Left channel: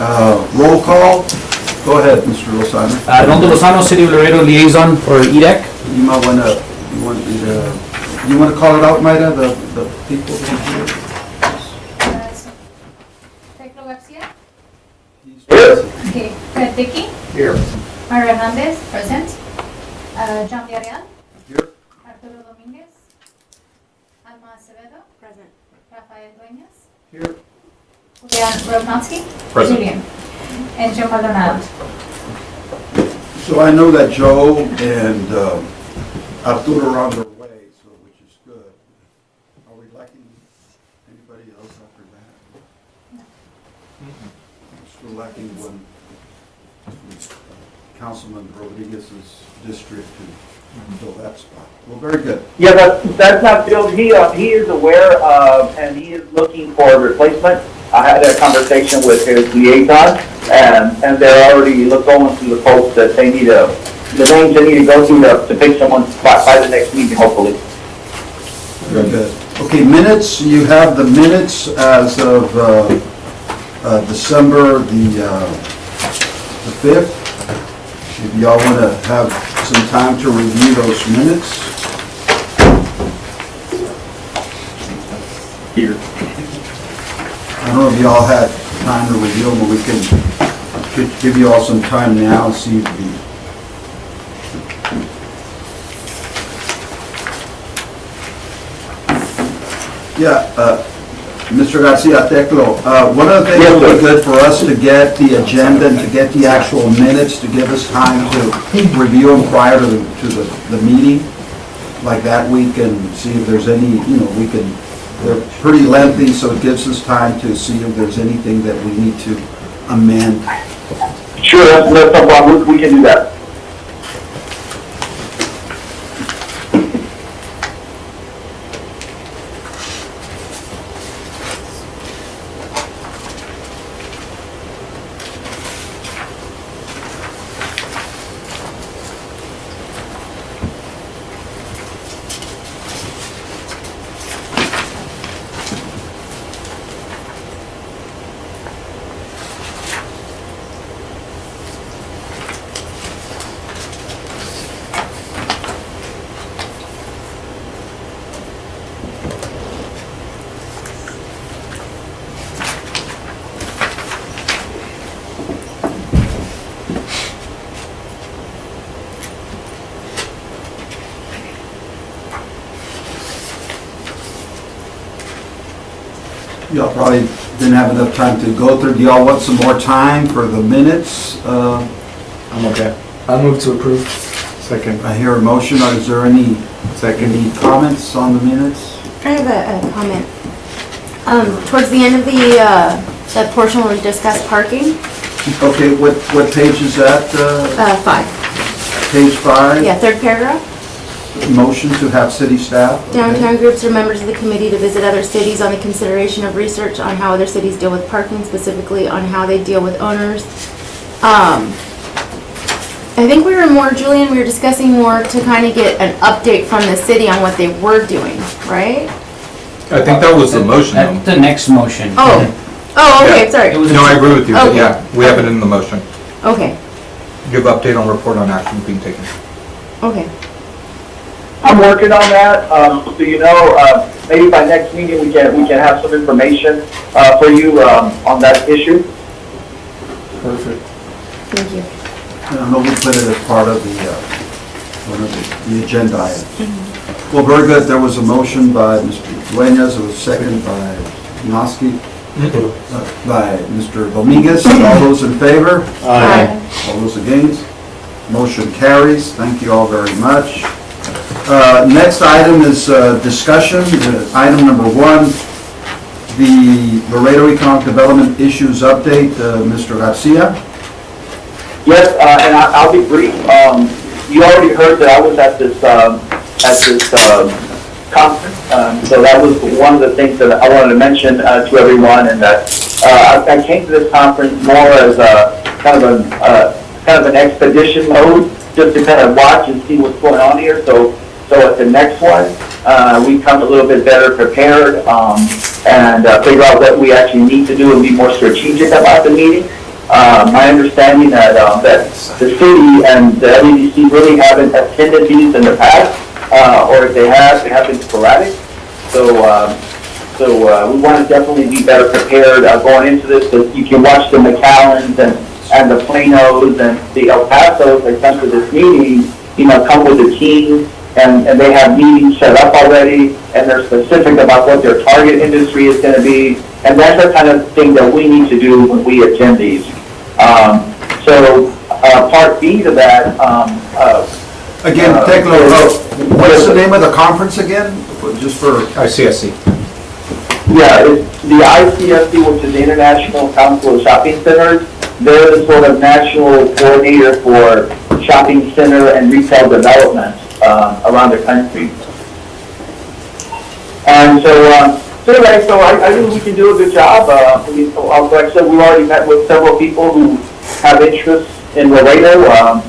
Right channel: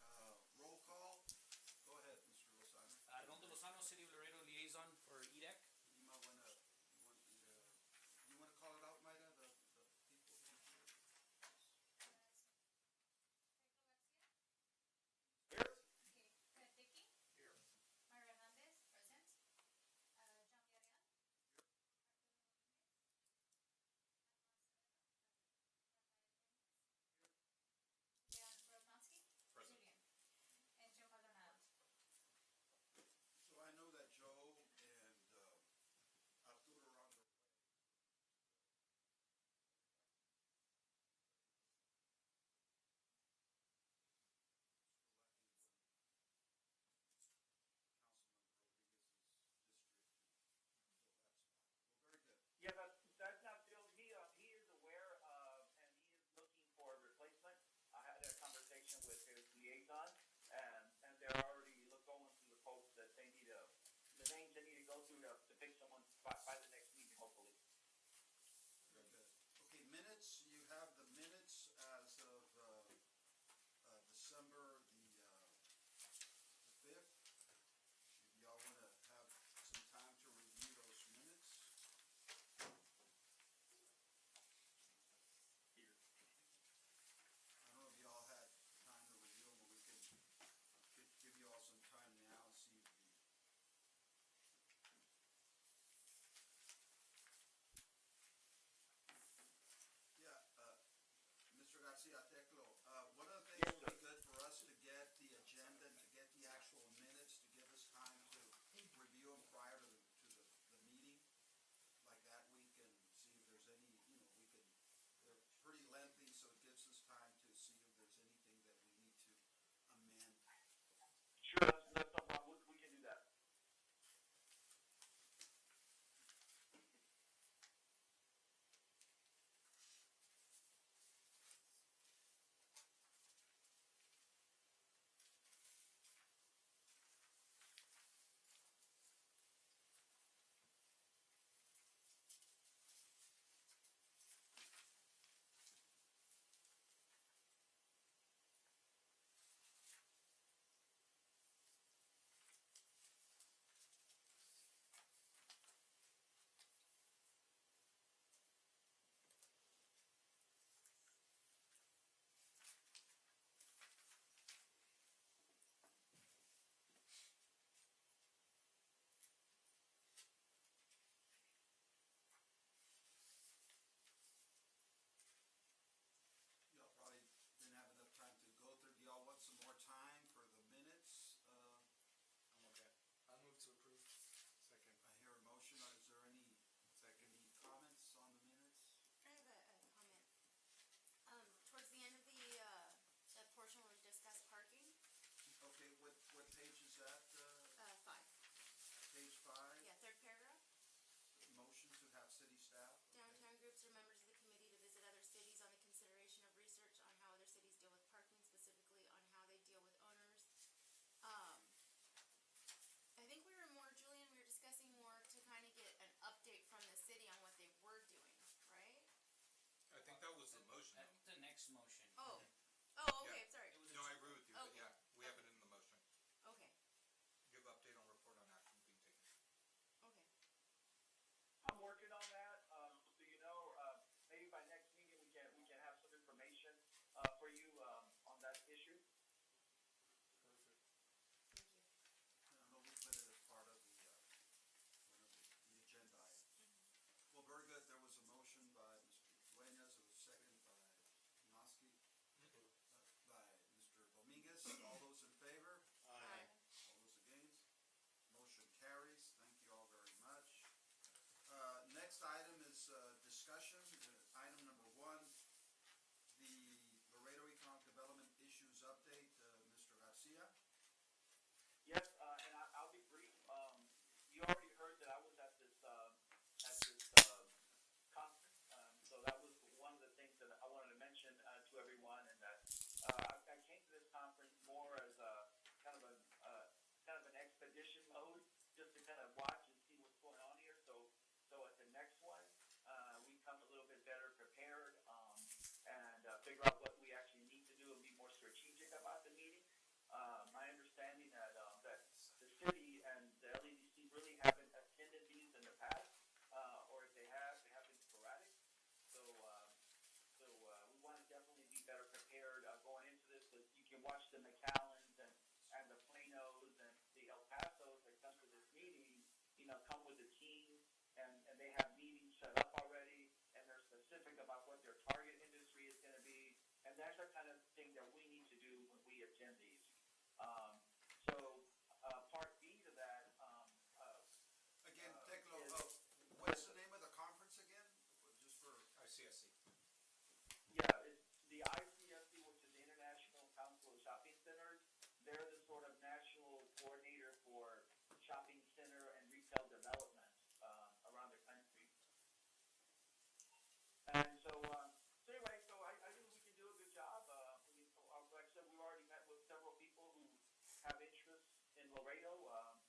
Roll call. Go ahead, Mr. Lozano. Rondo Lozano, City of Laredo liaison for EDEC. You might want to, you want to call it out, Mayra, the people? Teclo Garcia. Here. Okay. Fred Dickey. Here. Maria Hernandez. Present. John Villarreal. Here. Arturo Dominguez. Alma Acevedo. Present. Rafael Dueñas. Here. Julian Rodnowski. Present. Julian. And Joe Maldonado. So I know that Joe and Arturo are on their way, so which is good. Are we lacking anybody else after that? Still lacking one, Councilman Rodriguez's district to fill that spot. Well, very good. Yeah, that's not filled. He is aware of, and he is looking for a replacement. I had a conversation with his liaison, and they're already going through the folks that they need the names they need to go through to pick someone's spot by the next meeting, hopefully. Very good. Okay, minutes, you have the minutes as of December the 5th. If y'all want to have some time to review those minutes. Here. I don't know if y'all had time to review them, but we could give you all some time now and see if Mr. Garcia Teclo, one of the things that would be good for us to get the agenda and to get the actual minutes to give us time to review them prior to the meeting, like that week, and see if there's any, they're pretty lengthy, so it gives us time to see if there's anything that we need to amend. Sure, that's no problem. We can do that. Y'all probably didn't have enough time to go through. Do y'all want some more time for the minutes? I'm okay. I move to approve. Second. I hear a motion. Is there any comments on the minutes? I have a comment. Towards the end of that portion where we discussed parking, Okay, what page is that? 5. Page 5? Yeah, third paragraph. Motion to have city staff? Okay. Downtown groups or members of the committee to visit other cities on the consideration of research on how other cities deal with parking, specifically on how they deal with owners. I think Julian, we were discussing more to kind of get an update from the city on what they were doing, right? I think that was the motion, though. At the next motion. Oh, okay, sorry. It was No, I agree with you, but Okay. yeah, we have it in the motion. Okay, Give update on report on action being taken. okay. I'm working on that, so maybe by next meeting we can have some information for you on that issue. Perfect. Thank you. I know we put it as part of one of the agenda items. Well, very good. There was a motion by Mr. Dueñas. It was seconded by Noski, by Mr. Dominguez. All those in favor? Aye. All those against? Motion carries. Thank you all very much. Next item is discussion. Item number 1, the Laredo Economic Development Issues Update. Mr. Garcia. Yes, and I'll be brief. You already heard that I was at this conference, so that was one of the things that I wanted to mention to everyone, and that I came to this conference more as a kind of an expedition mode, just to kind of watch and see what's going on here. So at the next one, we come a little bit better prepared and figure out what we actually need to do and be more strategic about the meeting. my understanding that, that the city and the LEDC really haven't attended these in the past, or if they have been sporadic. So we want to definitely be better prepared going into this. So you can watch the McAllens and the Planos and the El Pasos that come to this meeting, come with a team, and they have meetings set up already, and they're specific about what their target industry is going to be. And that's the kind of thing that we need to do when we attend these. Part B to that, Again, Teclo, what's the name of the conference again? Just for, ICSC. yeah, it's the ICSC, which is the International Council of Shopping Centers. They're the sort of national coordinator for shopping center and retail development around the country. And anyway, I think we can do a good job. Like I said, we've already met with several people who have interests in Laredo.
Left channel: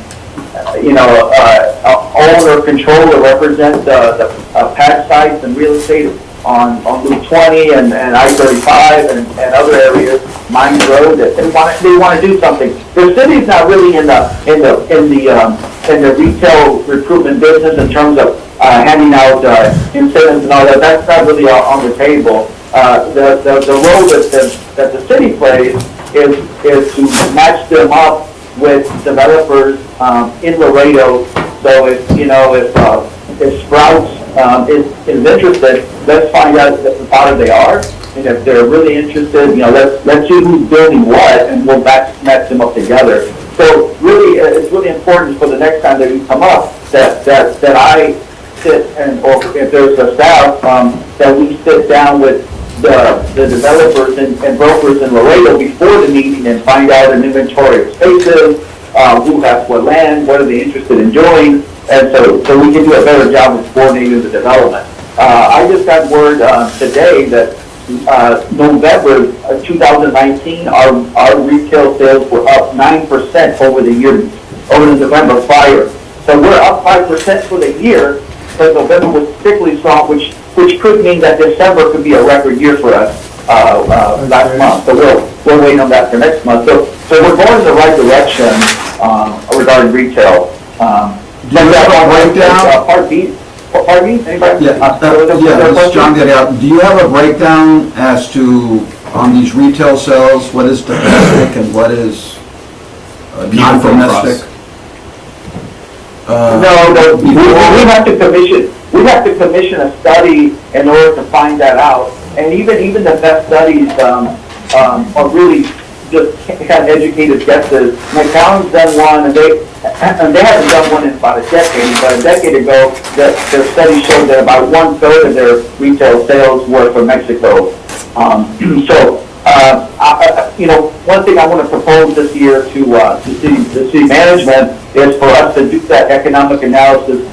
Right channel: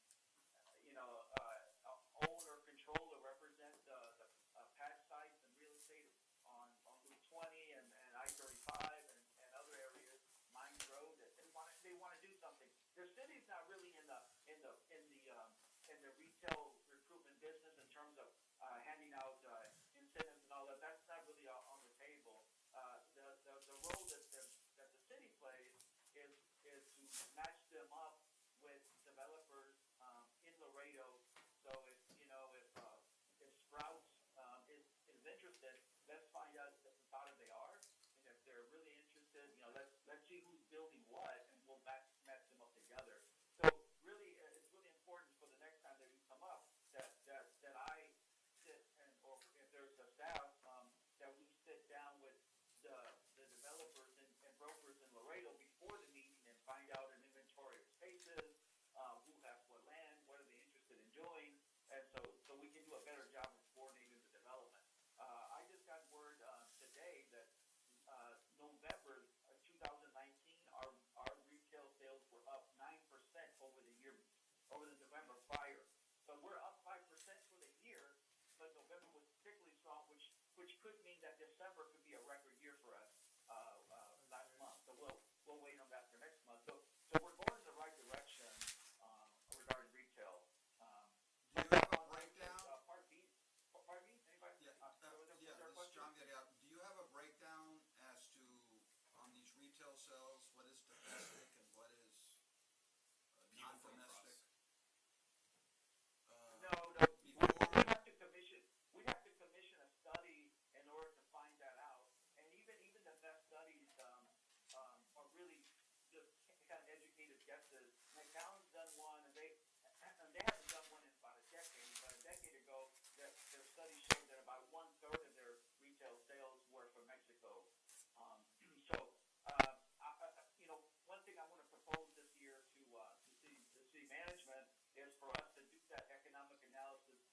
Own or control or represent the pad sites and real estate on Route 20 and I-35 and other areas, Mines Road, that they want to do something. The city's not really in the retail recruitment business in terms of handing out incentives and all that. That's not really on the table. The role that the city plays is to match them up with developers in Laredo. So if Sprouts is interested, let's find out how far they are, and if they're really interested, let's see who's building what, and we'll match them up together. So really, it's really important for the next time that you come up that I sit or if there's a staff that we sit down with the developers and brokers in Laredo before the meeting and find out an inventory of spaces, who has what land, what are they interested in doing, and so we can do a better job of coordinating the development. I just got word today that November 2019, our retail sales were up 9% over the November prior. So we're up 5% for the year, but November was particularly strong, which could mean that December could be a record year for us last month. So we're waiting on that for next month. So we're going in the right direction regarding retail. do you have a breakdown? Part B. Pardon me? Anybody? Yeah, this is John Getty. Do you have a breakdown as to, on these retail sales, what is domestic and what is non-domestic? No, we have to commission a study in order to find that out. And even the best studies are really just kind of educated guesses. McAllen's done one, and they haven't done one in about a decade. But a decade ago, their study showed that about 1/3 of their retail sales were from Mexico. One thing I want to propose this year to the city management is for us to do that economic analysis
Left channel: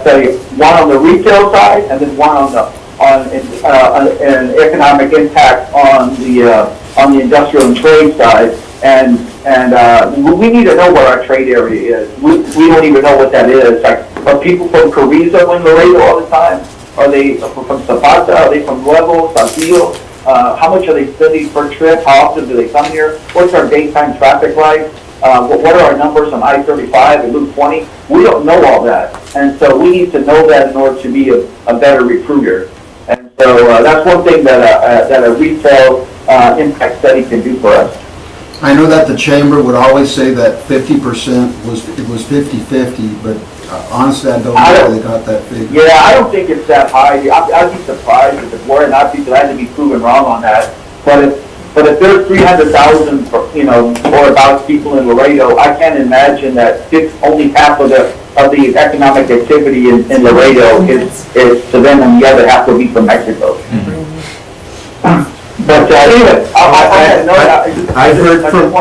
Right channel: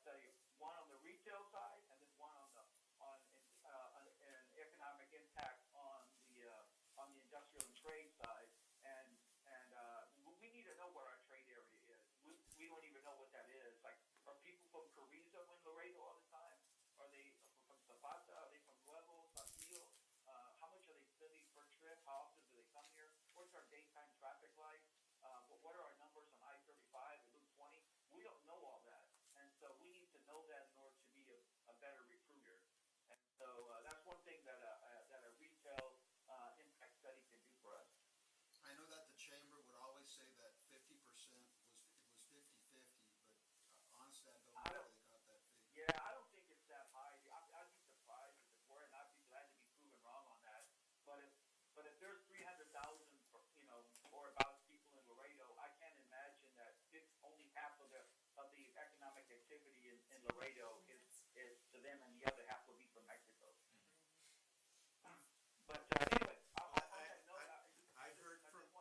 study, one on the retail side and then one on an economic impact on the industrial and trade side. And we need to know what our trade area is. We don't even know what that is. Like, are people from Carrizo in Laredo all the time? Are they from Zapata? Are they from Nuevo, Saltillo? How much are they spending per trip? How often do they come here? What's our daytime traffic like? What are our numbers on I-35 and Loop 20? We don't know all that. And so we need to know that in order to be a better recruiter. And so that's one thing that a retail impact study can do for us. I know that the chamber would always say that 50% was 50-50, but honestly, I don't know how they got that figure. Yeah, I don't think it's that high. I'd be surprised if it were, and I'd be glad to be proven wrong on that. But if there's 300,000, or about people in Laredo, I can't imagine that only half of the economic activity in Laredo is to them, and the other half will be from Mexico. Mm-hmm. But anyway, I've heard from,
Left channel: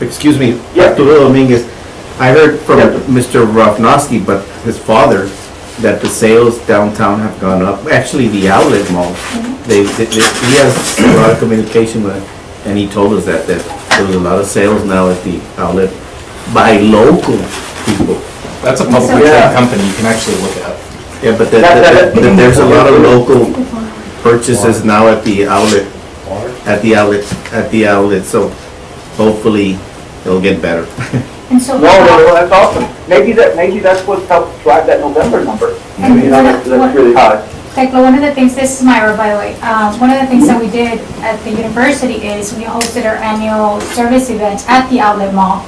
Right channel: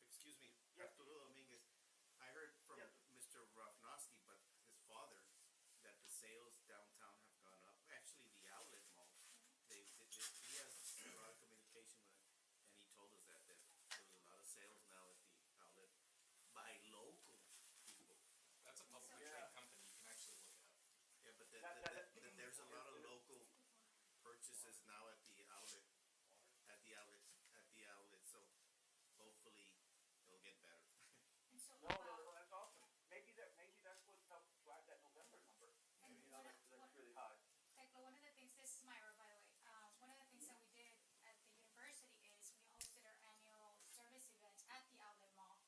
excuse me, Arturo Dominguez, I heard from Mr. Rafnowski, but his father, that the sales downtown have gone up. Actually, the outlet mall, he has a lot of communication with, and he told us that there was a lot of sales now at the outlet by local people. That's a publicly traded company, you can actually look at. Yeah, but there's a lot of local purchases now at the outlet, so hopefully it'll get better. And so. No, that's awesome. Maybe that's what's helped drive that November number. And You know, that's really high. Tekla, one of the things, this is Myra, by the way, one of the things that we did at the university is we hosted our annual service event at the outlet mall,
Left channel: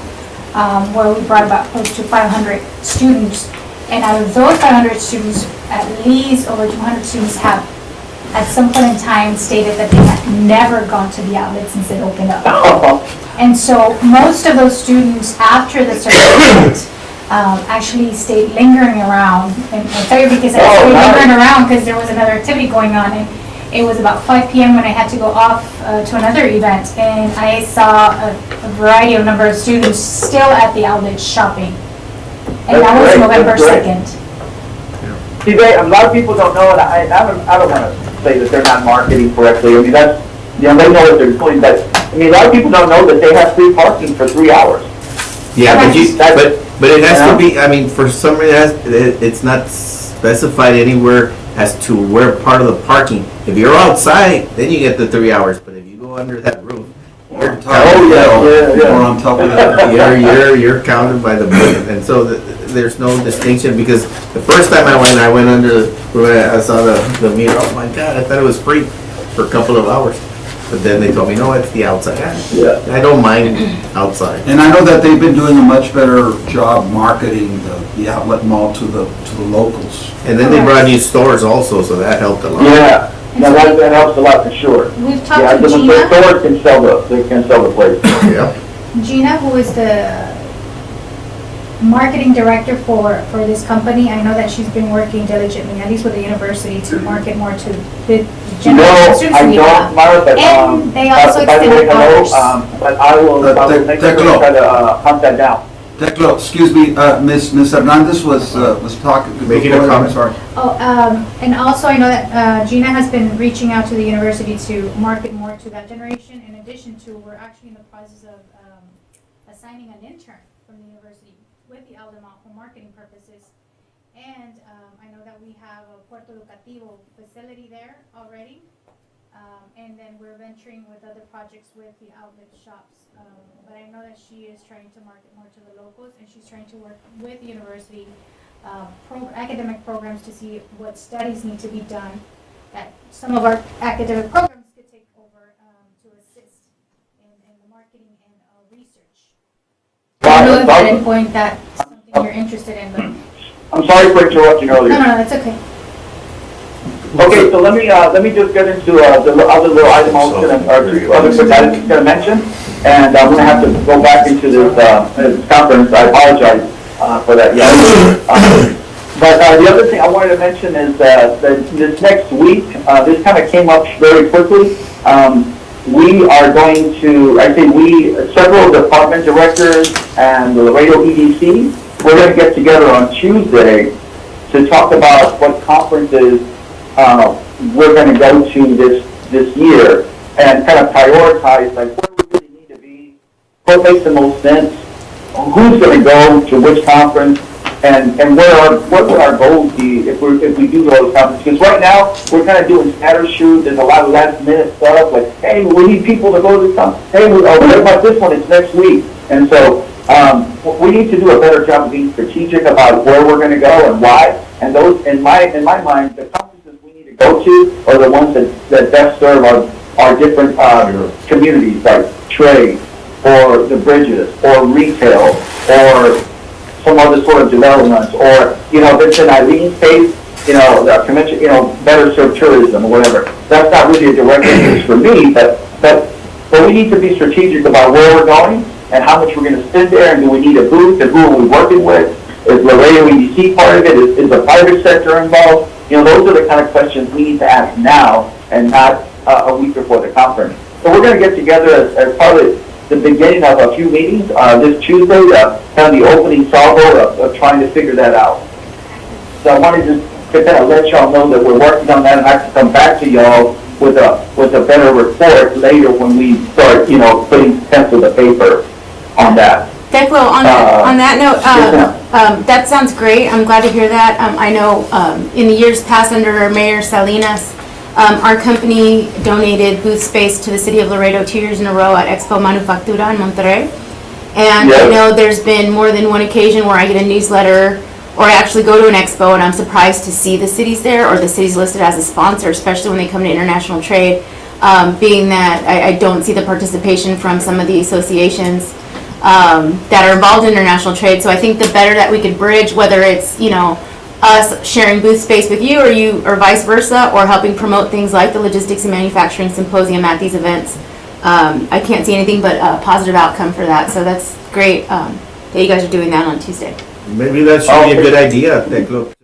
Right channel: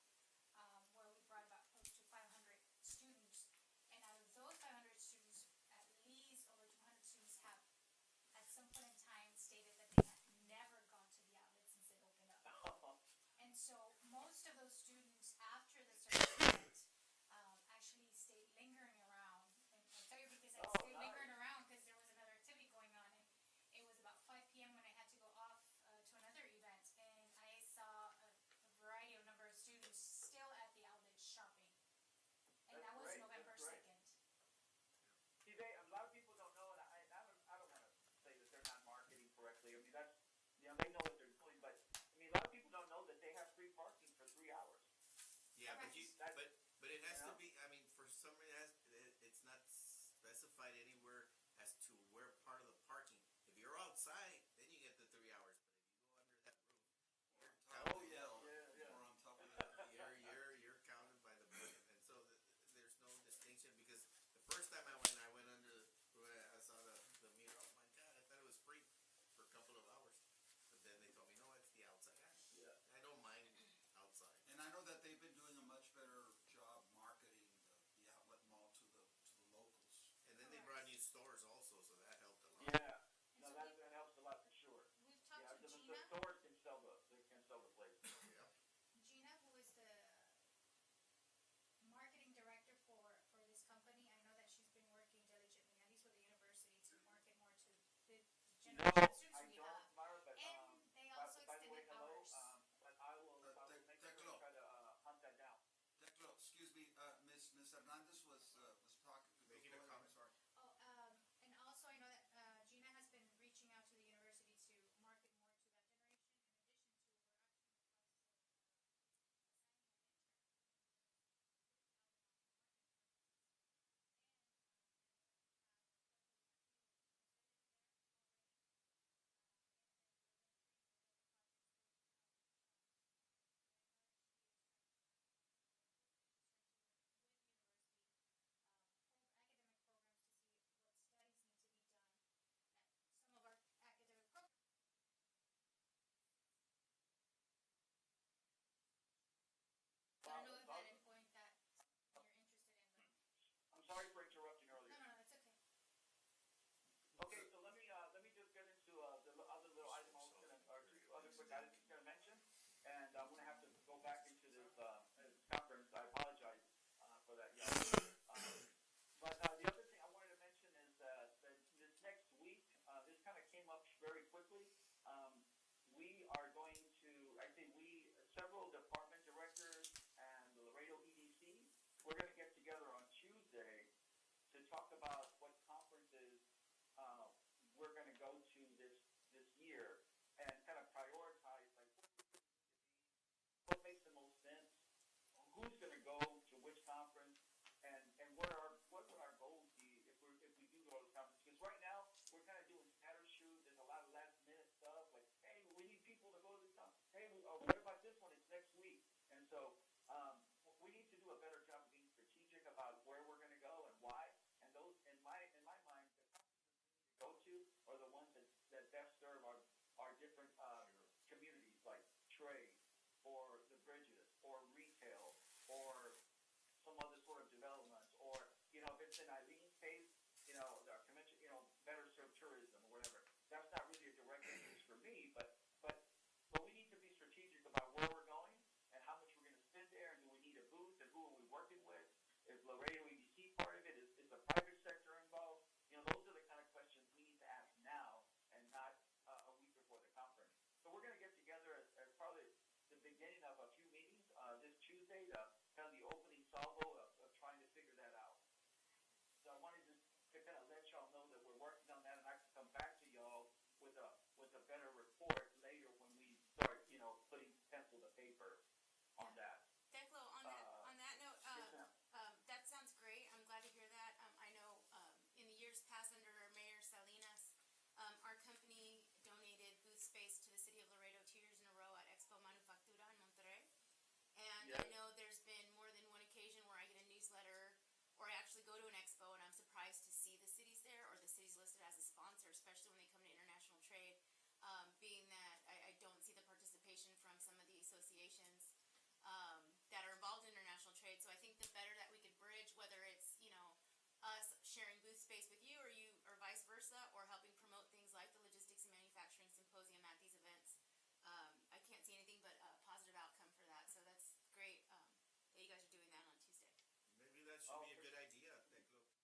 where we brought about close to 500 students. And out of those 500 students, at least over 200 students have, at some point in time, stated that they had never gone to the outlet since it opened up. And so most of those students, after the service event, actually stayed lingering around. And I'll tell you because I stayed lingering around because there was another activity going on. And it was about 5 p.m. when I had to go off to another event. And I saw a variety of number of students still at the outlet shopping. And that was November 2nd. See, a lot of people don't know, and I don't want to say that they're not marketing correctly. I mean, that's, they know what they're doing, but, I mean, a lot of people don't know that they have free parking for 3 hours. Yeah, but it has to be, I mean, for some reason, it's not specified anywhere as to where part of the parking. If you're outside, then you get the 3 hours, but if you go under that roof, you're Or on top of that. you're counted by the book, and so there's no distinction, because the first time I went under, I saw the meter, oh my God, I thought it was free for a couple of hours. But then they told me, no, it's the outside. Yeah. I don't mind outside. And I know that they've been doing a much better job marketing the outlet mall to the locals. And then they brought new stores also, so that helped a lot. Yeah, no, that helps a lot for sure. We've Yeah, talked to the Gina. stores can sell the place. Yeah. Gina, who is the marketing director for this company, I know that she's been working diligently, at least with the university, to market more to the No, general students I we don't, have. Mara, but, And they also by the way, extended hello, hours. but I will make sure to try to hunt that down. Teclo, excuse me, Ms. Hernandez was talking. Making a comment, sorry. Oh, and also I know that Gina has been reaching out to the university to market more to that generation. In addition to, we're actually in the process of assigning an intern from the university with the outlet mall for marketing purposes. And I know that we have a Puerto Educativo facility there already. And then we're venturing with other projects with the outlet shops. But I know that she is trying to market more to the locals, and she's trying to work with the university academic programs to see what studies need to be done, that some of our academic programs could take over to assist in the marketing and research. I don't know if at any point that's something you're interested in, but I'm sorry for interrupting earlier. no, it's okay. Okay, so let me just get into the other little item I was gonna, or two other quick items I was gonna mention, and I'm gonna have to go back into this conference. I apologize for that. Yeah. But the other thing I wanted to mention is that this next week, this kind of came up very quickly. We are going to, I think several department directors and the Laredo EDC, we're going to get together on Tuesday to talk about what conferences we're going to go to this year, and kind of prioritize like where we really need to be, what makes the most sense, who's going to go to which conference, and what would our goals be if we do go to conferences? Because right now we're kind of doing scatter shoot. There's a lot of last minute stuff like, hey, we need people to go to this conference. Hey, what about this one? It's next week. And so we need to do a better job of being strategic about where we're going to go and why. And those, in my mind, the conferences we need to go to are the ones that best serve our different communities, like trade, or the bridges, or retail, or some other sort of developments, or, if it's in Eileen's case, the convention, better serve tourism or whatever. That's not really a direct interest for me, but we need to be strategic about where we're going and how much we're going to spend there, and do we need a booth, and who are we working with? Is Laredo EDC part of it? Is the private sector involved? Those are the kind of questions we need to ask now and not a week before the conference. So we're going to get together as part of the beginning of a few meetings this Tuesday, kind of the opening salvo of trying to figure that out. So I wanted to kind of let y'all know that we're working on that, and I can come back to y'all with a better report later when we start, putting pencil to paper on that. Declo, on that note, that sounds great. I'm glad to hear that. I know in the years past under Mayor Salinas, our company donated booth space to the city of Laredo 2 years in a row at Expo Manufactura in Monterrey. And Yeah. I know there's been more than one occasion where I get a newsletter or I actually go to an expo and I'm surprised to see the cities there or the cities listed as a sponsor, especially when they come to international trade, being that I don't see the participation from some of the associations that are involved in international trade. So I think the better that we could bridge, whether it's, you know, us sharing booth space with you or vice versa, or helping promote things like the Logistics and Manufacturing Symposium at these events, I can't see anything but a positive outcome for that. So that's great that you guys are doing that on Tuesday. Maybe that should be a good idea, Teclo. If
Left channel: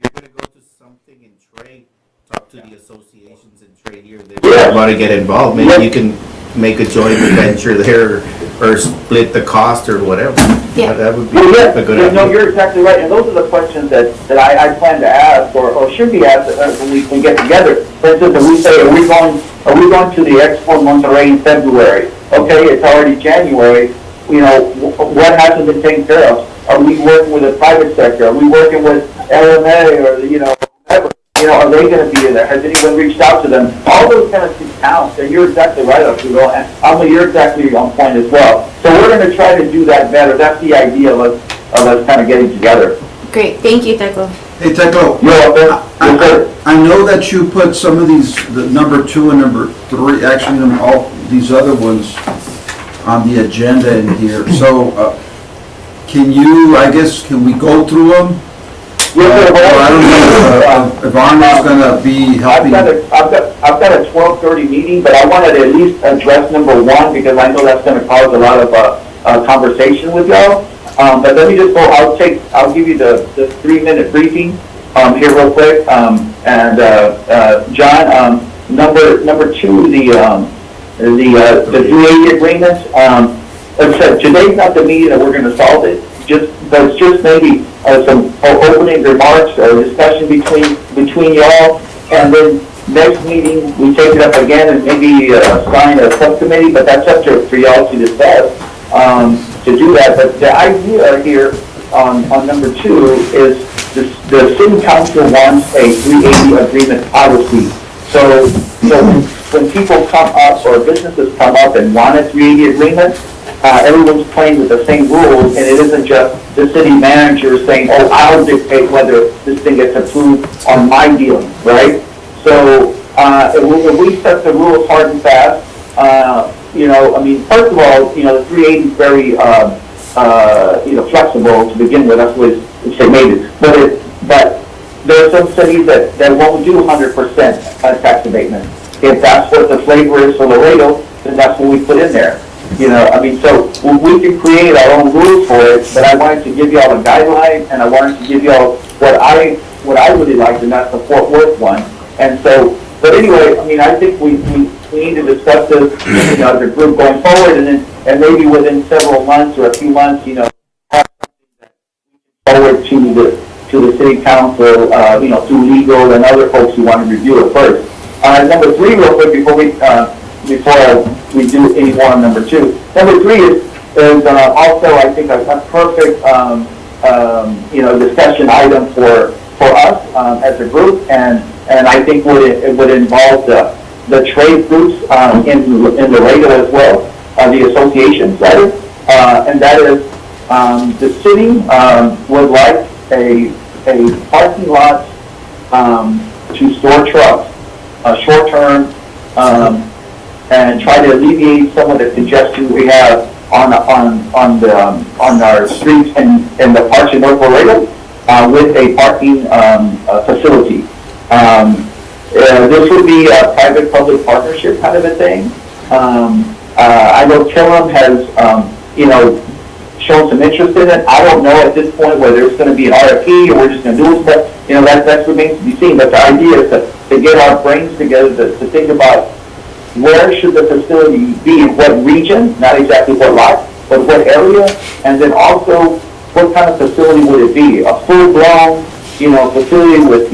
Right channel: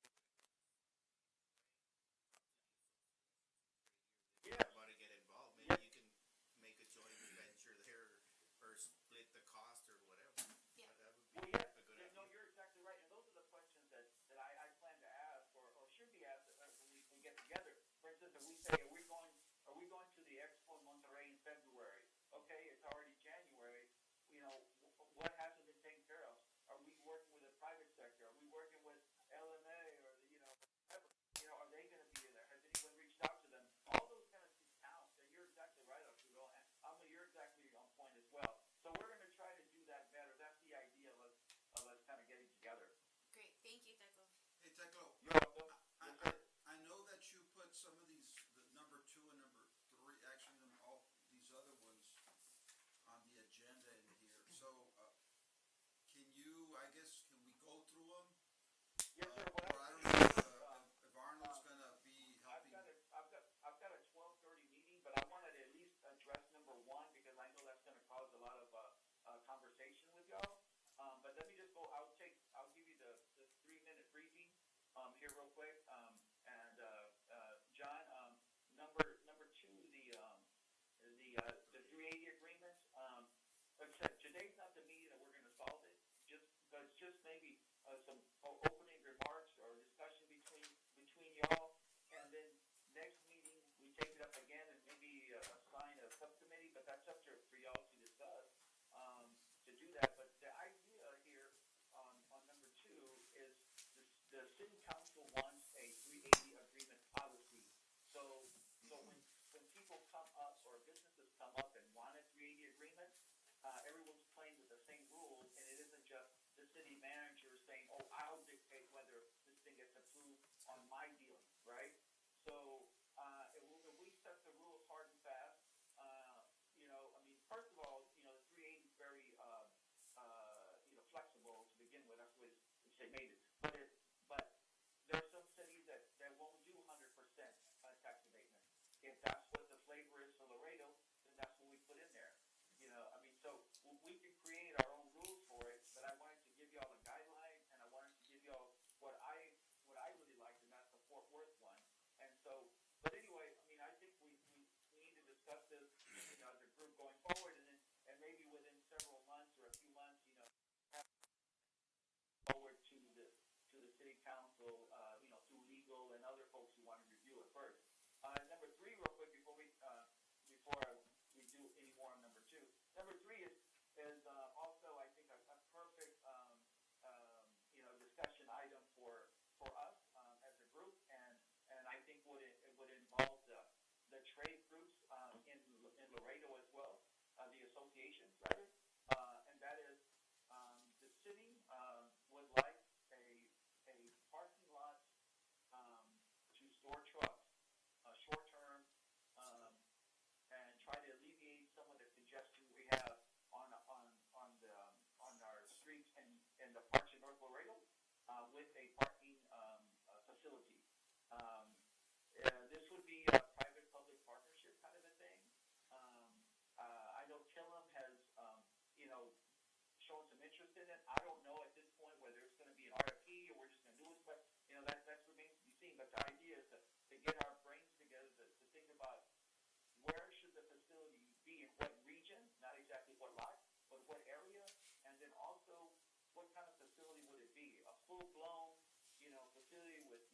you're gonna go to something in trade, talk to the associations in trade here, they want to get involved, maybe you can make a joint venture there, or split the cost or whatever. Yeah. That would be Well, yeah, a good no, idea. you're exactly right, and those are the questions that I plan to ask, or should be asked when we get together. For instance, if we say, are we going to the Expo Monterrey in February? Okay, it's already January, you know, what hasn't been taken care of? Are we working with the private sector? Are we working with LMA, or, you know, whatever? You know, are they going to be in there? Has anyone reached out to them? All those kind of things count, and you're exactly right, Arturo, and you're exactly on point as well. So we're going to try to do that better. That's the idea of us kind of getting together. Great, thank you, Teclo. Hey, Teclo, You're welcome. Yes, sir. I know that you put some of these, the number 2 and number 3, actually, all these other ones on the agenda in here. So, can we go through them? Yes, sir. Well, I don't know if Arnold's gonna be helping. I've got a 12:30 meeting, but I wanted to at least address number 1 because I know that's going to cause a lot of conversation with y'all. But let me just go. I'll give you the 3-minute briefing here real quick. John, number 2, the 380 agreement. Like I said, today's not the meeting that we're going to solve it. But it's just maybe some opening remarks or discussion between y'all, and then next meeting we take it up again and maybe assign a subcommittee. But that's up for y'all to discuss to do that. But the idea here on number 2 is the city council wants a 380 agreement policy. So when people come up or businesses come up and want a 380 agreement, everyone's playing with the same rules, and it isn't just the city manager saying, oh, I'll dictate whether this thing gets approved on my deal, right? So if we set the rules hard and fast, first of all, the 380 is very, flexible to begin with. That's what it's made it. But there are some cities that won't do 100% tax abatement. If that's what the flavor is for Laredo, then that's what we put in there. So we can create our own rules for it, but I wanted to give you all a guideline, and I wanted to give you all what I really liked, and that's the Fort Worth one. And so, but anyway, I think we need to discuss this, as a group going forward, and maybe within several months or a few months, have forward to the city council, through legal and other folks who want to review it first. Number 3, real quick, before we do any more on number 2. Number 3 is also, I think, a perfect, discussion item for us as a group, and I think it would involve the trade groups in Laredo as well, the associations, rather, and that is the city would like a parking lot to store trucks, short-term, and try to alleviate some of the congestion we have on our streets and the parks in North Laredo with a parking facility. This would be a private-public partnership kind of a thing. I know Killam has, shown some interest in it. I don't know at this point whether it's going to be an RFP or we're just going to do it, but that remains to be seen. But the idea is to get our brains together to think about where should the facility be, in what region, not exactly what lot, but what area, and then also what kind of facility would it be? A full-blown, facility with,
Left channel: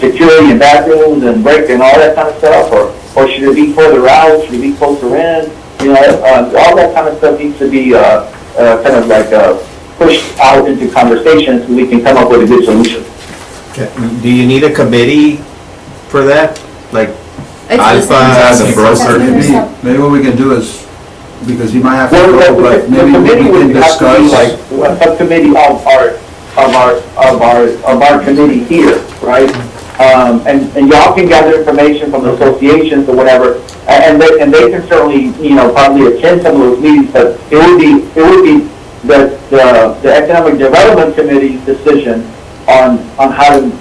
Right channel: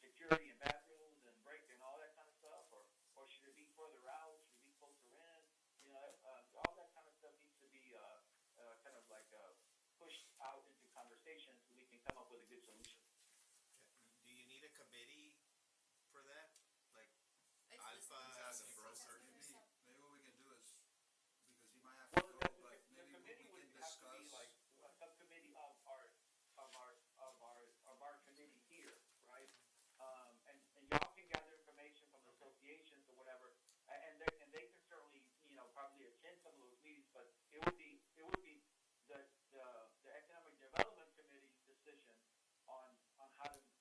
security and bathrooms and break and all that kind of stuff, or should it be further out? Should it be closer in? All that kind of stuff needs to be pushed out into conversations so we can come up with a good solution. Do you need a committee for that? Like It's Alpha, the broker? Maybe what we can do is because he might have to Well, go, the but maybe we committee can would have to be discuss. like a subcommittee of our committee here, right? And y'all can gather information from the associations or whatever, and they can certainly, probably attend some of those meetings, but it would be the Economic Development Committee's decision on how to,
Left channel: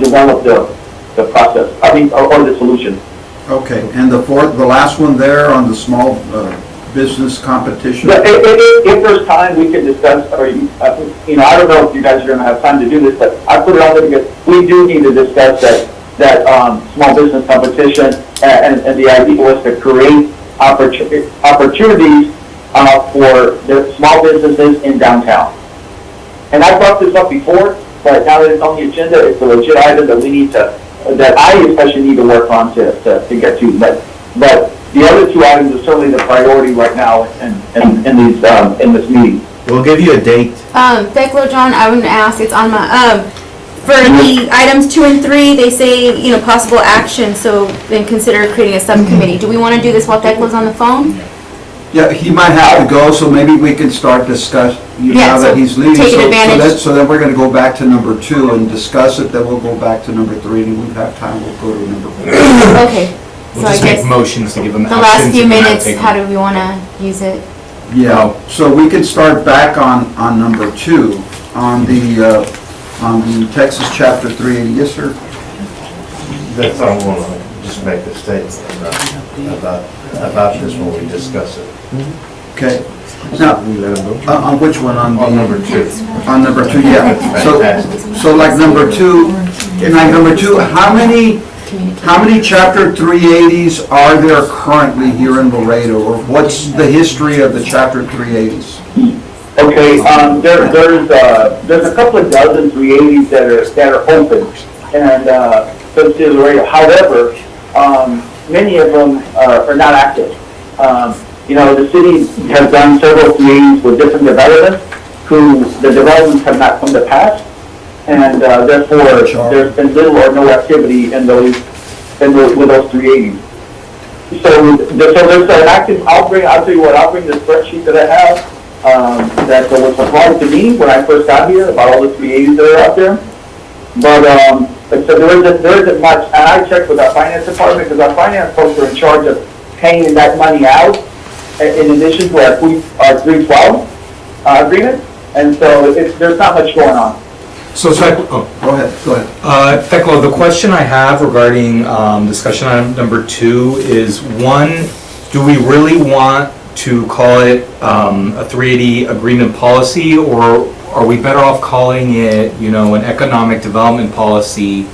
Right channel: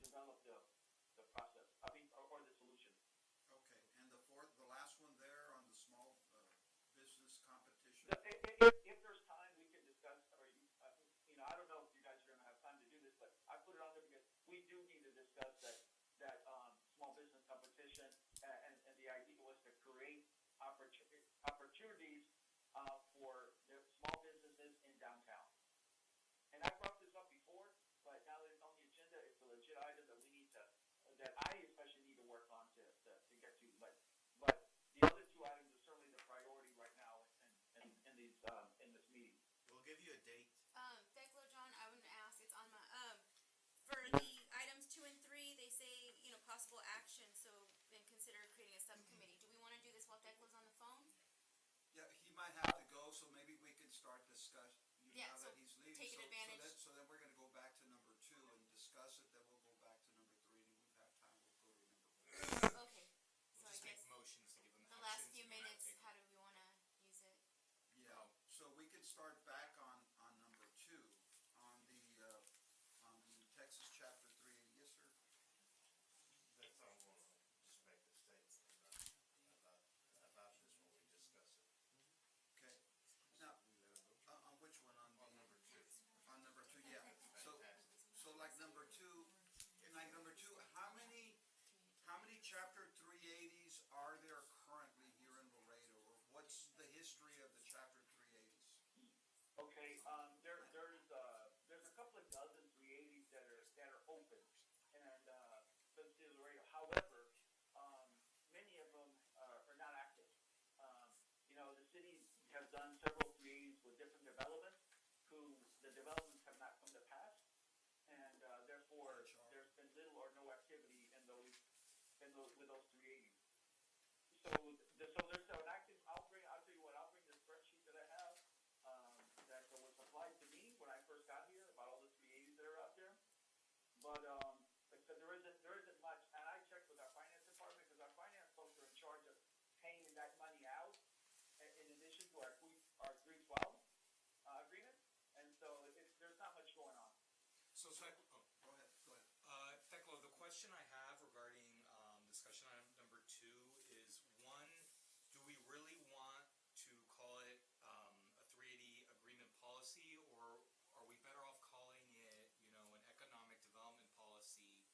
develop the process, or the solution. Okay, and the last one there on the small business competition? But if there's time, we can discuss, or, I don't know if you guys are gonna have time to do this, but I put it on there because we do need to discuss that small business competition, and the idea was to create opportunities for the small businesses in downtown. And I brought this up before, but now that it's on the agenda, it's a legit item that we need to, that I especially need to work on to get to. But the other two items are certainly the priority right now in this meeting. We'll give you a date. Beckler, John, I would ask, it's on my, for the items 2 and 3, they say, possible action, so then consider creating a subcommittee. Do we want to do this while Beckler's on the phone? Yeah, he might have to go, so maybe we can start discuss, Yeah, now that so he's leaving. take advantage. So then we're gonna go back to number 2 and discuss it, then we'll go back to number 3, and if we have time, we'll go to number 4. Okay, We'll so I just make guess motions to give them the actions. last few and then minutes, take how them. do we want to use it? Yeah, so we can start back on number 2, on the Texas Chapter 380. Yes, sir? That's all I want to just make a statement about this when we discuss it. Okay. Now, on which one? On number 2. On number 2, yeah. So like number 2, how many Chapter 380s are there currently here in Laredo? Or what's the history of the Chapter 380s? Okay, there's a couple of dozen 380s that are open, and however, many of them are not active. The city has done several 380s with different developments, who the developments have not come to pass, and therefore there's been little or no activity with those 380s. So there's an active. I'll tell you what. I'll bring the spreadsheet that I have. That was supplied to me when I first got here about all the 380s that are out there. But so there isn't much, and I checked with our finance department because our finance folks are in charge of paying that money out in addition to our 312 agreement, and so there's not much going on. So, Go ahead. Thekla, the question I have regarding discussion item number 2 is, 1, do we really want to call it a 380 agreement policy, or are we better off calling it, an economic development policy?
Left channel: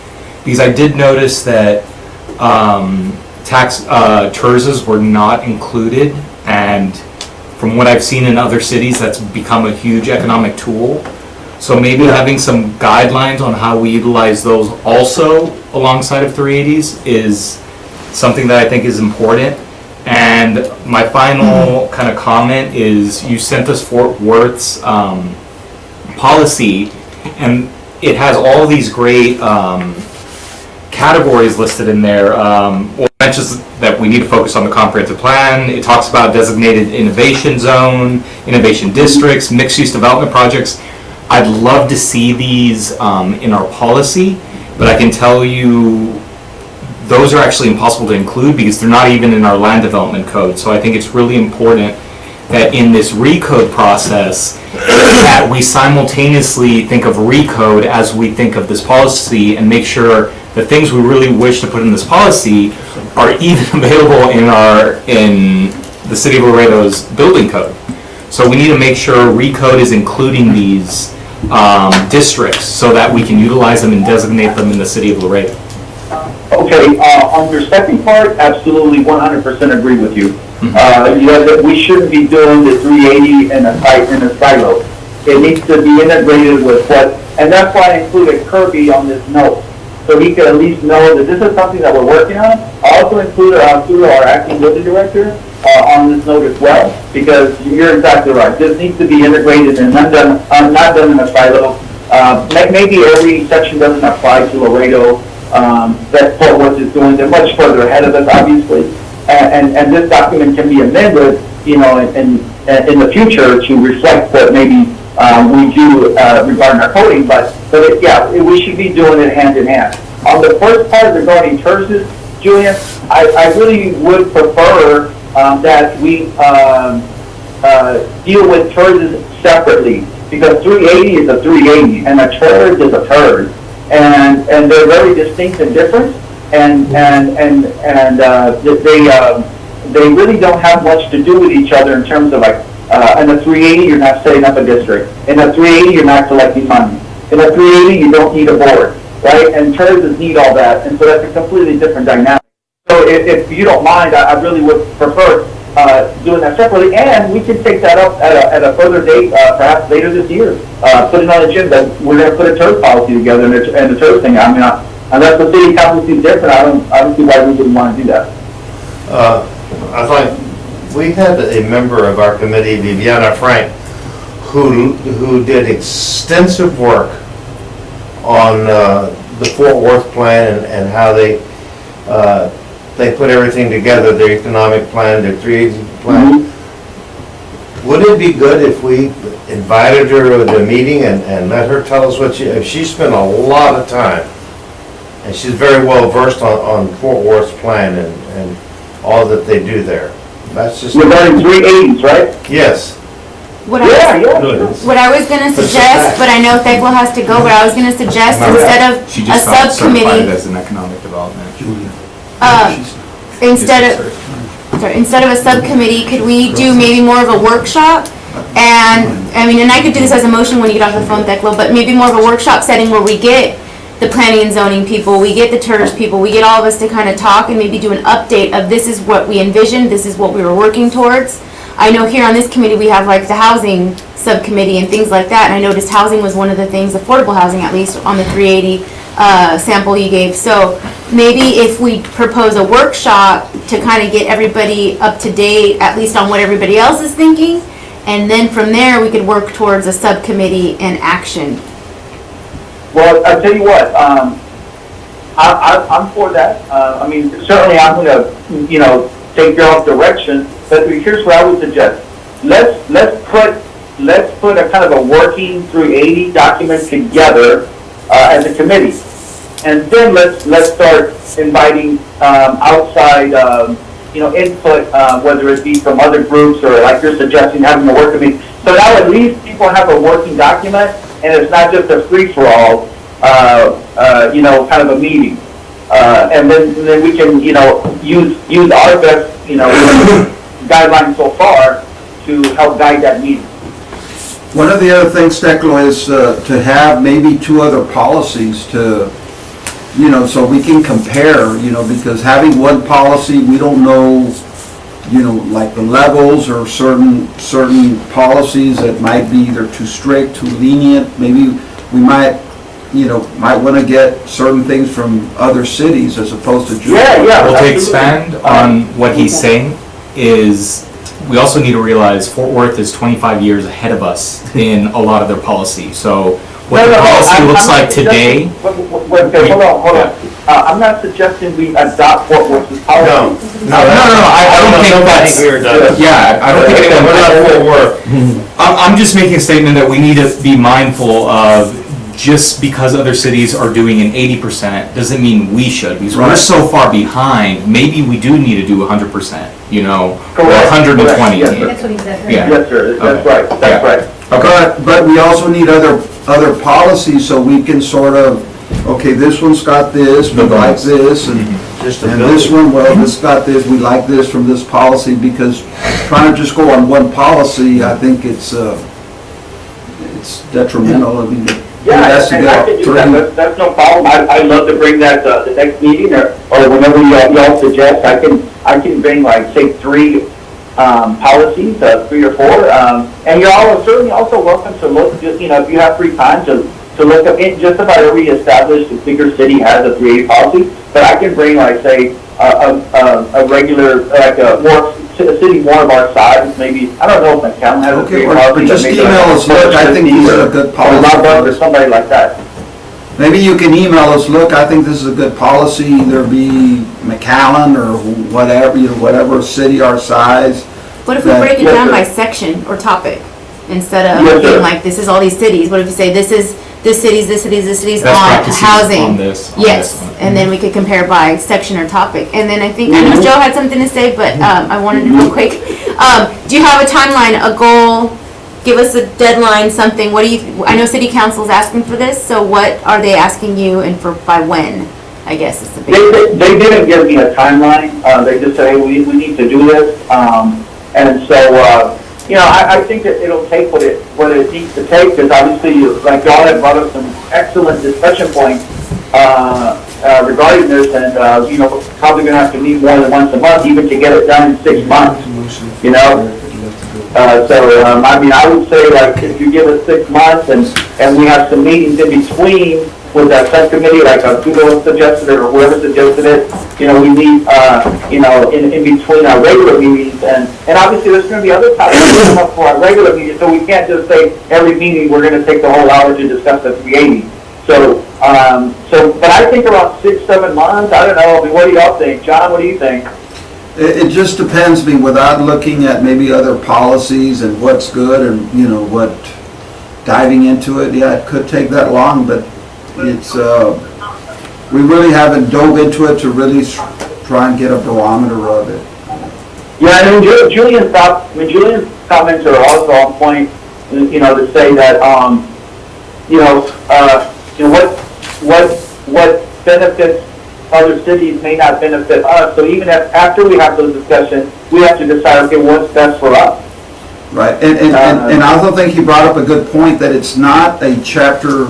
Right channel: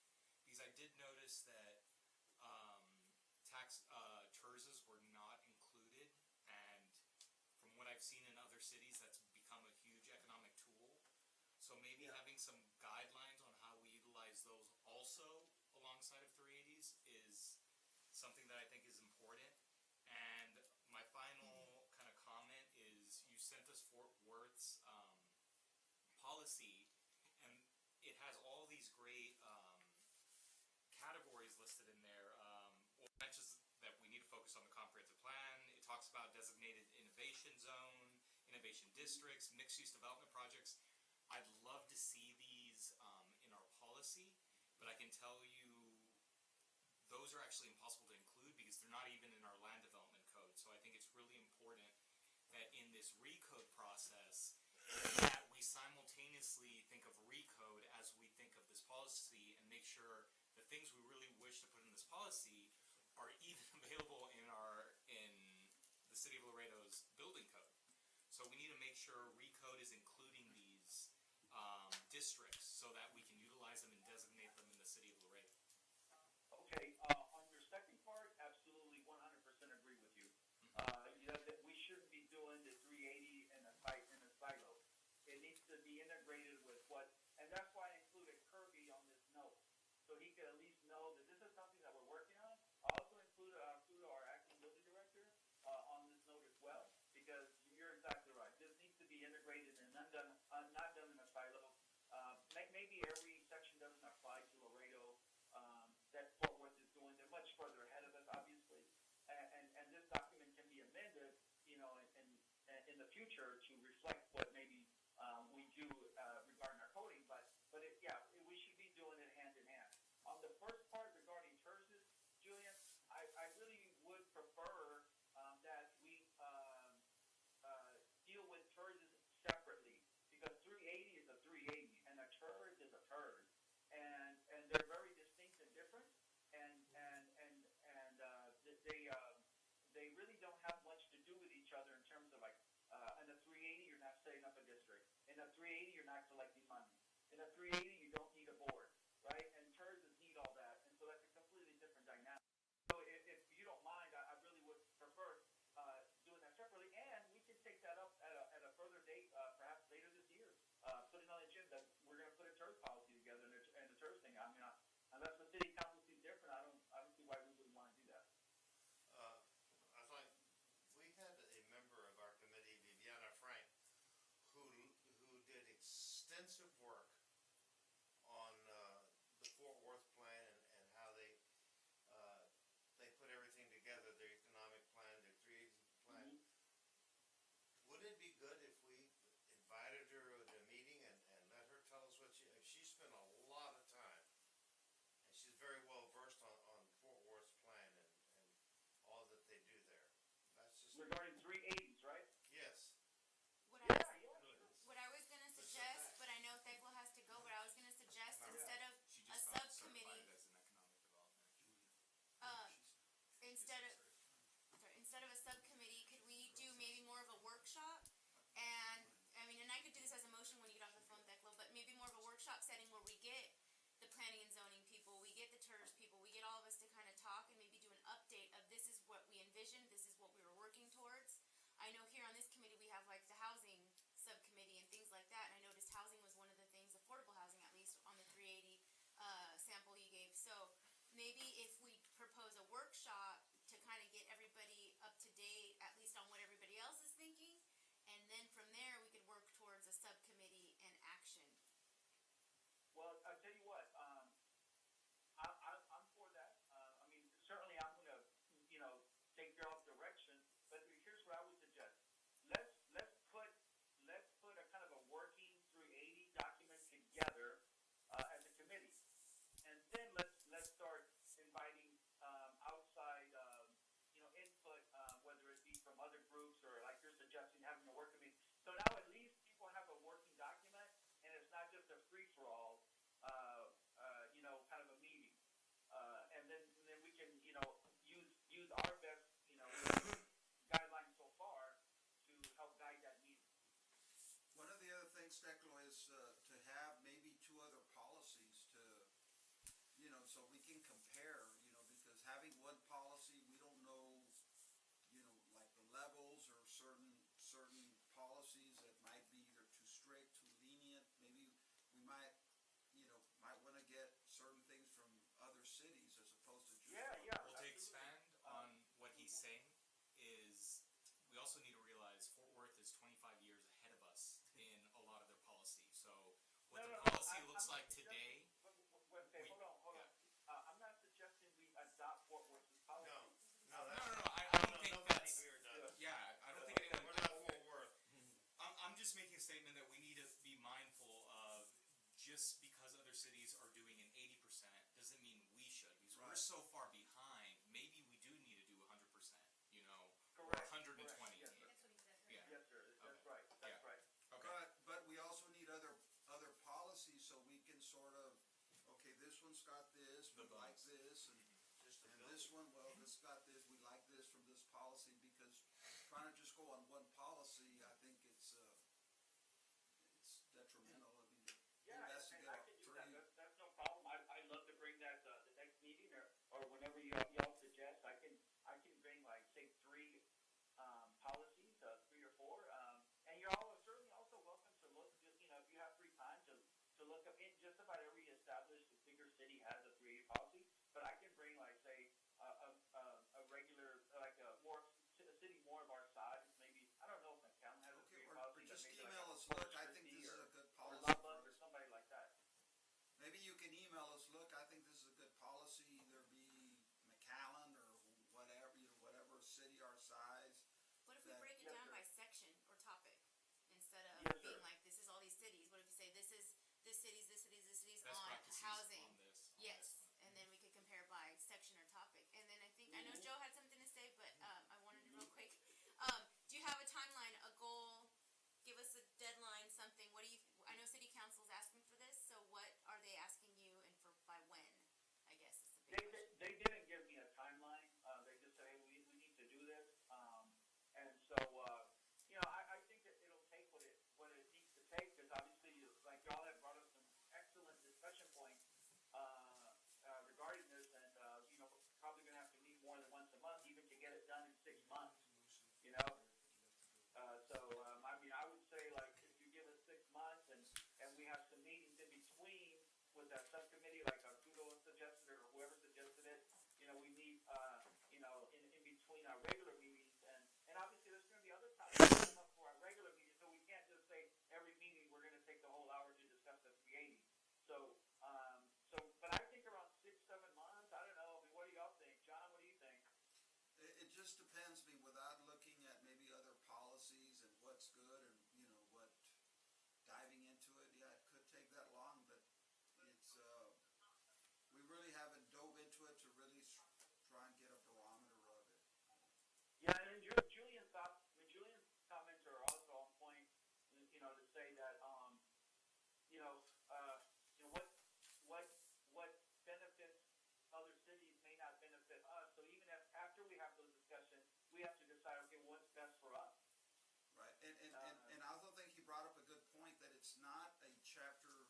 Because I did notice that TERSs were not included, and from what I've seen in other cities, that's become a huge economic tool. So maybe having some guidelines on how we utilize those also alongside of 380s is something that I think is important. And my final kind of comment is, you sent us Fort Worth's policy, and it has all these great categories listed in there. It mentions that we need to focus on the comprehensive plan. It talks about designated innovation zone, innovation districts, mixed-use development projects. I'd love to see these in our policy, but I can tell you those are actually impossible to include because they're not even in our land development code. So I think it's really important that in this recode process, that we simultaneously think of recode as we think of this policy, and make sure the things we really wish to put in this policy are even available in the City of Laredo's building code. So we need to make sure recode is including these districts so that we can utilize them and designate them in the City of Laredo. Okay, on your second part, absolutely 100% agree with you. That we shouldn't be doing the 380 in a silo. It needs to be integrated with and that's why I included Kirby on this note, so he could at least know that this is something that we're working on. I also included our acting building director on this note as well, because you're exactly right. This needs to be integrated and not done in a silo. Maybe every section doesn't apply to Laredo. That's Fort Worth is doing. They're much further ahead of us, obviously. And this document can be amended you know, in the future to reflect what maybe we do regarding our coding, we should be doing it hand in hand. On the first part regarding TERSs, Julian, I really would prefer that we deal with TERSs separately, because 380 is a 380 and a TERS is a TERS, and they're very distinct and different, and they really don't have much to do with each other in terms of like, in a 380 you're not setting up a district, in a 380 you're not collecting money, in a 380 you don't need a board, right? And TERSs need all that, and so that's a completely different dynamic. So if you don't mind, I really would prefer doing that separately, and we can take that up at a further date, perhaps later this year. Put it on the agenda that we're going to put a TERS policy together and the TERS thing. I mean, unless the city council sees different, I don't see why we wouldn't want to do that. I thought we had a member of our committee, Viviana Frank, who did extensive work on the Fort Worth plan and how they put everything together, their economic plan, their 380 plan. Mm-hmm. Would it be good if we invited her to the meeting and let her tell us what she spent a lot of time, and she's very well versed on Fort Worth's plan and all that they do there. That's just regarding 380s, right? Yes. What I was going to suggest, but I know Thecla has to go, but I was going to suggest instead of She a just got certified subcommittee, as an economic development. instead of a subcommittee, could we do maybe more of a workshop? And, I mean, and I could do this as a motion when you get off the phone, Thecla, but maybe more of a workshop setting where we get the planning and zoning people, we get the TERS people, we get all of us to kind of talk and maybe do an update of this is what we envisioned, this is what we were working towards. I know here on this committee we have like the housing subcommittee and things like that, and I noticed housing was one of the things, affordable housing at least, on the 380 sample you gave. So maybe if we propose a workshop to kind of get everybody up to date, at least on what everybody else is thinking, and then from there we could work towards a subcommittee and action. Well, I'll tell you what, I'm for that. I mean, certainly I'm going to, take your own direction, but here's what I would suggest. Let's put a kind of a working 380 document together as a committee. And then let's start inviting outside, input, whether it be from other groups or like you're suggesting, having a work committee. So now at least people have a working document, and it's not just a free-for-all, kind of a meeting. And then we can, use our best, guidelines so far to help guide that meeting. One of the other things, Thecla, is to have maybe two other policies to, so we can compare, because having one policy, we don't know, like the levels or certain policies that might be either too strict, too lenient. Maybe we might want to get certain things from other cities as opposed to just. Yeah. Well, to expand on what he's saying is, we also need to realize Fort Worth is 25 years ahead of us in a lot of their policy. So what the policy looks like today. Wait, hold on. I'm not suggesting we adopt Fort Worth's policy. No. I don't think that's. Yeah, I don't think anyone. We're not Fort Worth. I'm just making a statement that we need to be mindful of. Just because other cities are doing an 80% doesn't mean we should, because we're so far behind. Maybe we do need to do 100%, or 120. Yes, That's what he said, right? Yeah. Yes, sir. That's Okay. right. That's right. But we also need other policies so we can sort of, okay, this one's got this, we like this, and this one, well, this got this, we like this from this policy, because trying to just go on one policy, I think it's detrimental. I mean, Yeah, and I can do that. That's no problem. I'd love to bring that the next meeting or whenever y'all suggest. I can bring like say 3 policies, 3 or 4. And you're all certainly also welcome to look. Just if you have free time to look up. Just about every established bigger city has a 380 policy. But I can bring like say a regular a city more of our size, maybe, I don't know if McAllen has a Okay, policy. but just email us, look, I think these are a good policy. Or somebody like that. Maybe you can email us, look, I think this is a good policy, either be McAllen or whatever, whatever city our size, What if we that- break it Yes, down sir. by section or topic? Instead of Yes, sir. being like, this is all these cities, what if you say, this is this cities, this cities, this cities Best on practices housing? on this, on Yes, this one. and then we could compare by section or topic. And then I think, I know Mhm. Joe had something to say, but I wanted to real quick. Do you have a timeline, a goal? Give us a deadline, something. What do you, I know city council's asking for this, so what are they asking you and for, by when? I guess is the big. They didn't give me a timeline. They just said, hey, we need to do this. And so, you know, I think that it'll take what it needs to take, because obviously, like y'all have brought up some excellent discussion points regarding this, and, you know, we're probably gonna have to meet more than once a month, even to get it done in 6 months, you know? I mean, I would say, like, if you give us 6 months and we have some meetings in between with that subcommittee, like Kudo suggested it or whoever suggested it, you know, we meet, you know, in between our regular meetings, and obviously there's gonna be other topics that come up for our regular meetings, so we can't just say every meeting we're gonna take the whole hour to discuss the 380. But I think around 6-7 months, I don't know, I mean, what do y'all think? John, what do you think? It just depends, I mean, without looking at maybe other policies and what's good and, you know, what, diving into it, yeah, it could take that long, but it's, we really haven't dove into it to really try and get a barometer of it. Yeah, and Julian's comments are also on point, you know, to say that, you know, what benefits other cities may not benefit us. So even after we have those discussions, we have to decide, okay, what's best for us. Right, and I also think he brought up a good point, that it's not a Chapter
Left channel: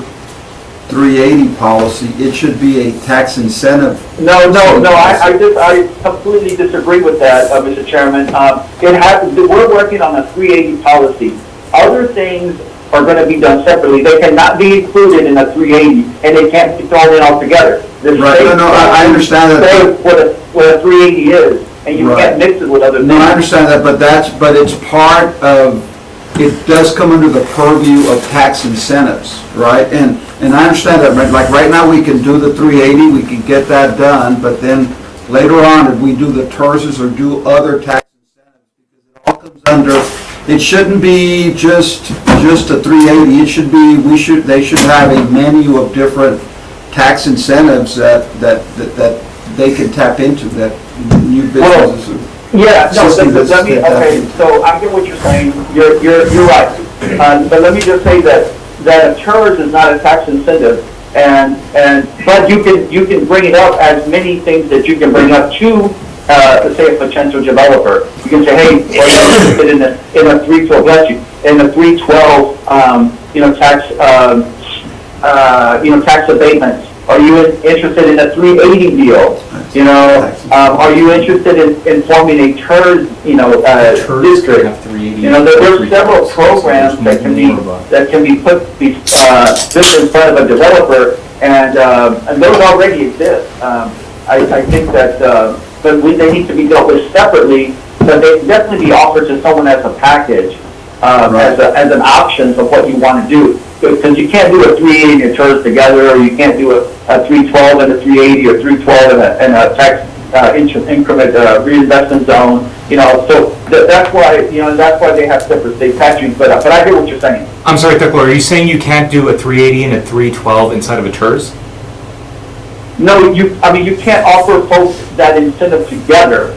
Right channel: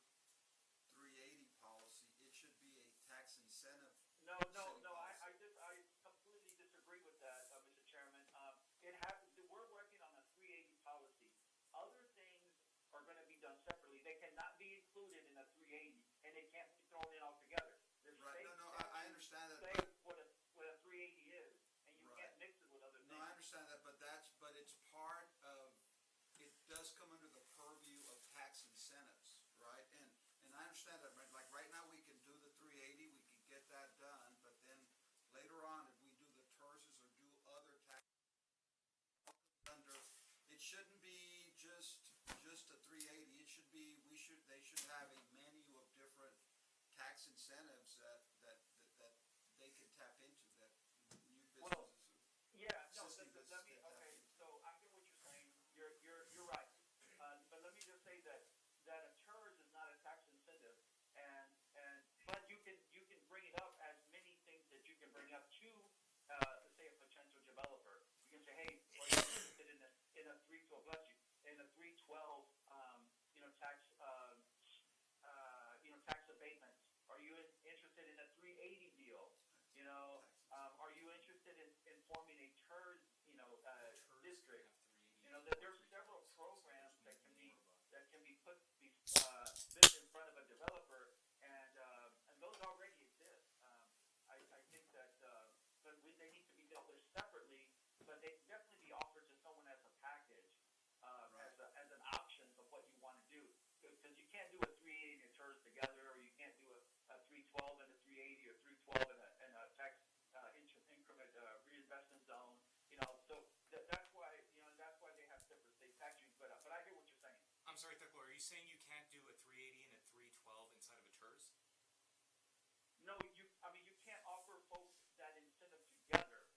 380 policy, it should be a tax incentive. No, I completely disagree with that, Mr. Chairman. We're working on a 380 policy. Other things are going to be done separately. They cannot be included in a 380, and they can't be thrown in altogether. Right, no, I understand that. Say what a 380 is, and you Right. can't mix it with other things. No, I understand that, but it's part of, it does come under the purview of tax incentives, right? And I understand that, like, right now, we can do the 380, we can get that done, but then later on, if we do the TERSs or do other tax incentives, because it all comes under, it shouldn't be just a 380, it should be, they should have a menu of different tax incentives that they can tap into, that new businesses. Yeah, no, System let me, that's- okay, so I get what you're saying, you're right. But let me just say that a TERS is not a tax incentive, but you can bring it up as many things that you can bring up to, let's say, a potential developer. You can say, hey, are you interested in a 312, bless you, in a 312, tax abatements? Are you interested in a 380 deal? You know, are you interested in forming a TERS, district? You know, there are several programs that can be put in front of a developer, and those already exist. I think that, but they need to be dealt with separately, but they can definitely be offered to someone as a package, as an option of what you want to do. Because you can't do a 380 and a TERS together, or you can't do a 312 and a 380, or 312 and a tax increment reinvestment zone. You know, so that's why they have separate state statutes. But I hear what you're saying. I'm sorry, Thekla, are you saying you can't do a 380 and a 312 inside of a TERS? No, you can't offer folks that incentive together.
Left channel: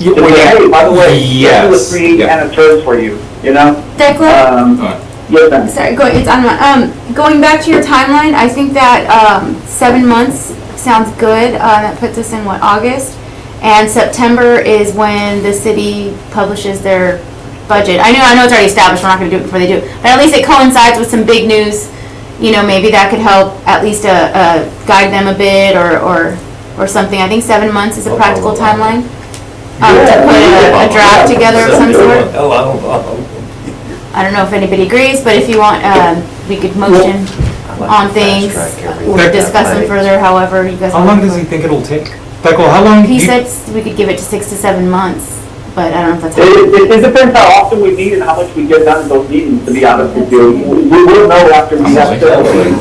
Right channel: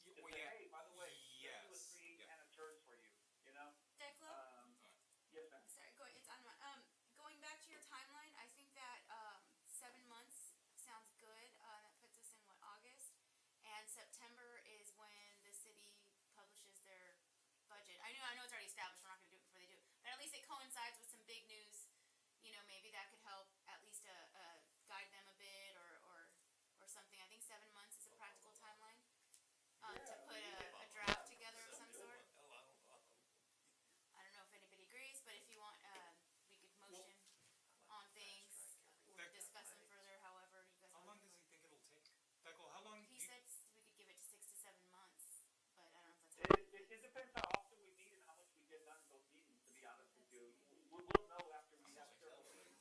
To well, say, yeah. hey, by the way, Yes, we'll do a 380 yeah. and a TERS for you. You know. Declan? Yes, ma'am. Sorry, going back to your timeline, I think that 7 months sounds good. That puts us in, what, August? And September is when the city publishes their budget. I know it's already established, we're not going to do it before they do it, but at least it coincides with some big news. You know, maybe that could help at least guide them a bit or something. I think 7 months is a practical timeline to put a draft together of some sort. I don't know if anybody agrees, but if you want, we could motion on things or discuss them further, however you guys want. How long does he think it'll take? Thekla, how long? He said we could give it to 6 to 7 months, but I don't know if that's happening. It depends how often we meet and how much we get done in those meetings, to be honest with you. We will know after we have.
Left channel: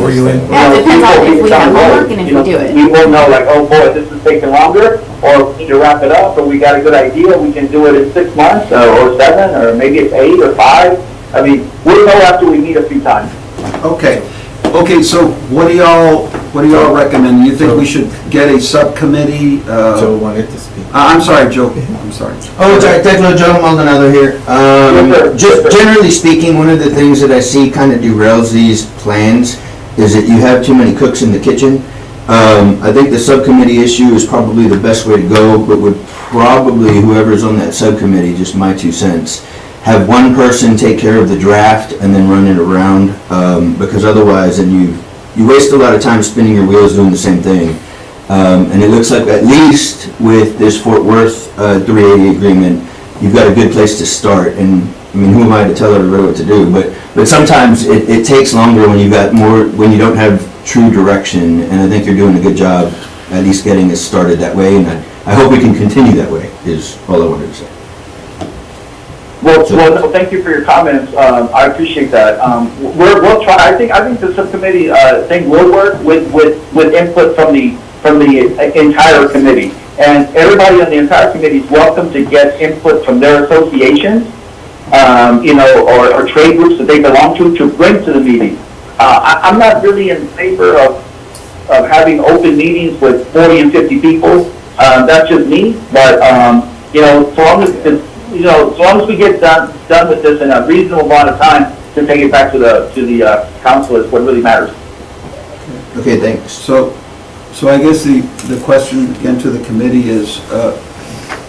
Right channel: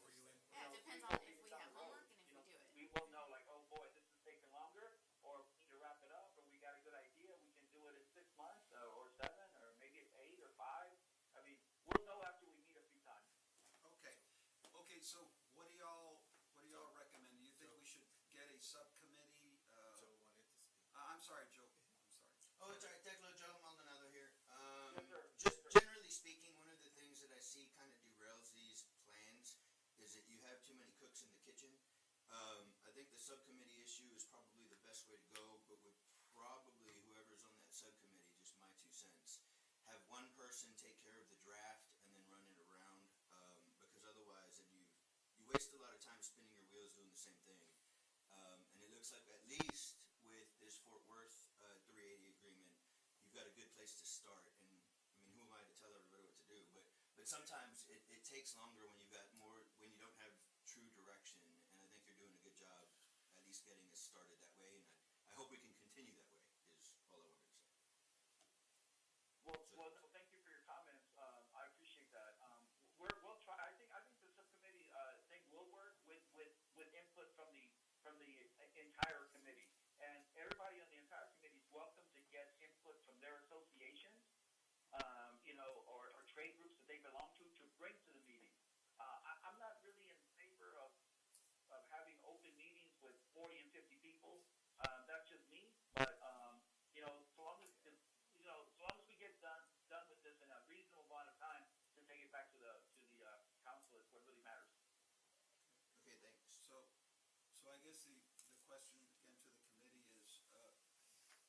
Were you in? Yeah, it depends on if we have homework and if we do it. We will know, like, oh boy, this is taking longer, or we need to wrap it up, or we got a good idea, we can do it in 6 months, or 7, or maybe it's 8 or 5. I mean, we'll know after we meet a few times. Okay, so what do y'all recommend? You think we should get a subcommittee? Joe wanted to speak. I'm sorry, Joe, I'm sorry. Oh, sorry, Techno Joe Maldonado here. Just generally speaking, one of the things that I see kind of derails these plans is that you have too many cooks in the kitchen. I think the subcommittee issue is probably the best way to go, but would probably, whoever's on that subcommittee, just my 2 cents, have one person take care of the draft and then run it around, because otherwise then you waste a lot of time spinning your wheels doing the same thing. And it looks like, at least with this Fort Worth 380 agreement, you've got a good place to start. And I mean, who am I to tell everybody what to do? But sometimes it takes longer when you got more, when you don't have true direction. And I think you're doing a good job at least getting us started that way. And I hope we can continue that way, is all I wanted to say. Well, no, thank you for your comments. I appreciate that. We'll try. I think the subcommittee thing will work with input from the entire committee, and everybody on the entire committee is welcome to get input from their associations, or trade groups that they belong to bring to the meeting. I'm not really in favor of having open meetings with 40 and 50 people. That's just me, but so long as we get done with this in a reasonable amount of time to take it back to the council is what really matters. Okay, thanks. So I guess the question again to the committee is,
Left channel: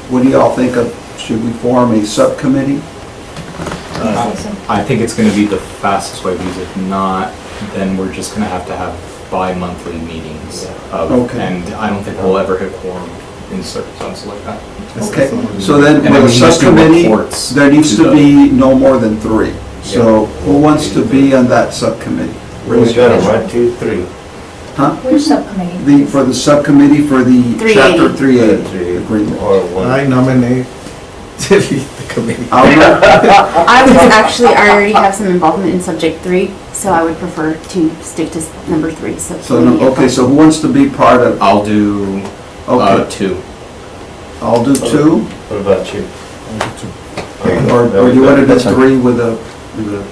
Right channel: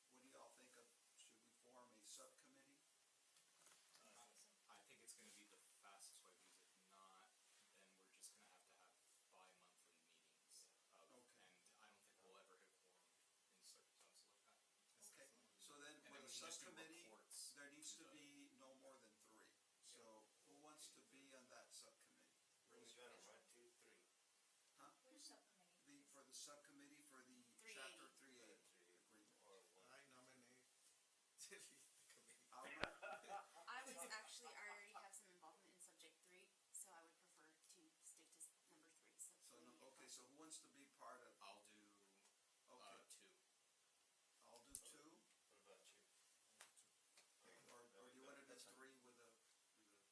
what do y'all think of, should we form a subcommittee? I think it's gonna be the fastest way, because if not, then we're just gonna have bi-monthly meetings. Okay. And I don't think we'll ever hit quorum in circumstances like that. Okay, so then And then with we a just do subcommittee, reports there needs to to the- be no more than 3. So who wants to be on that subcommittee? We got it, 1, 2, 3. Huh? Which subcommittee? For the subcommittee for the 380. chapter 380 agreement. Or 1. I nominate to lead the committee. I already have some involvement in subject 3, so I would prefer to stick to number 3. So who wants to be part of, I'll do, okay, 2. I'll do 2, What about you? or you want to do 3 with the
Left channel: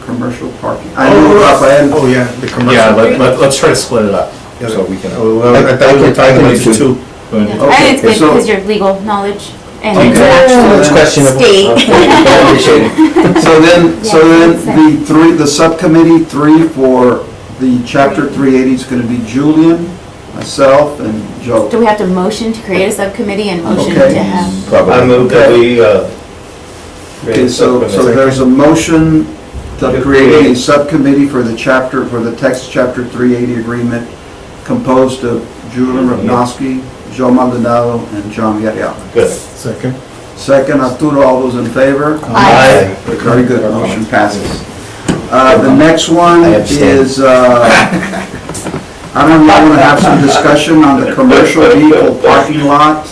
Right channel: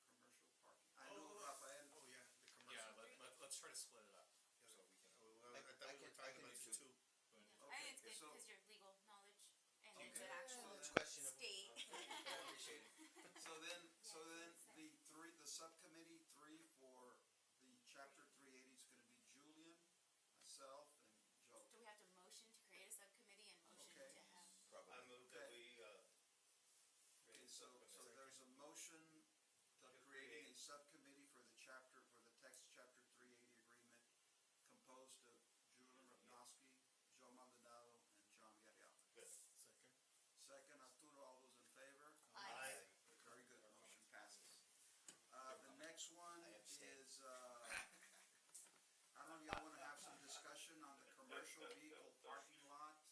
commercial parking? I know, Rafael, Oh, yeah, the commercial. Yeah, let's try to split it up, so we can. Oh, well, I thought we were talking about just 2. And Okay, it's good so- because your legal knowledge and Okay. it's an actual It's questionable. state. I appreciate it. so then Yeah, the subcommittee 3 for the chapter 380 is going to be Julian, myself, and Joe. Do we have to motion to create a subcommittee and motion Okay. to have? I move that we, Okay, so there's a motion to create a subcommittee for the text chapter 380 agreement composed of Julian Ravnosky, Joe Maldonado, and John Villarreal. Good. Second. Second, Arturo, all those in favor? Aye. Very good, motion passes. The next one I abstain. is, I don't know, y'all want to have some discussion on the commercial vehicle parking lot?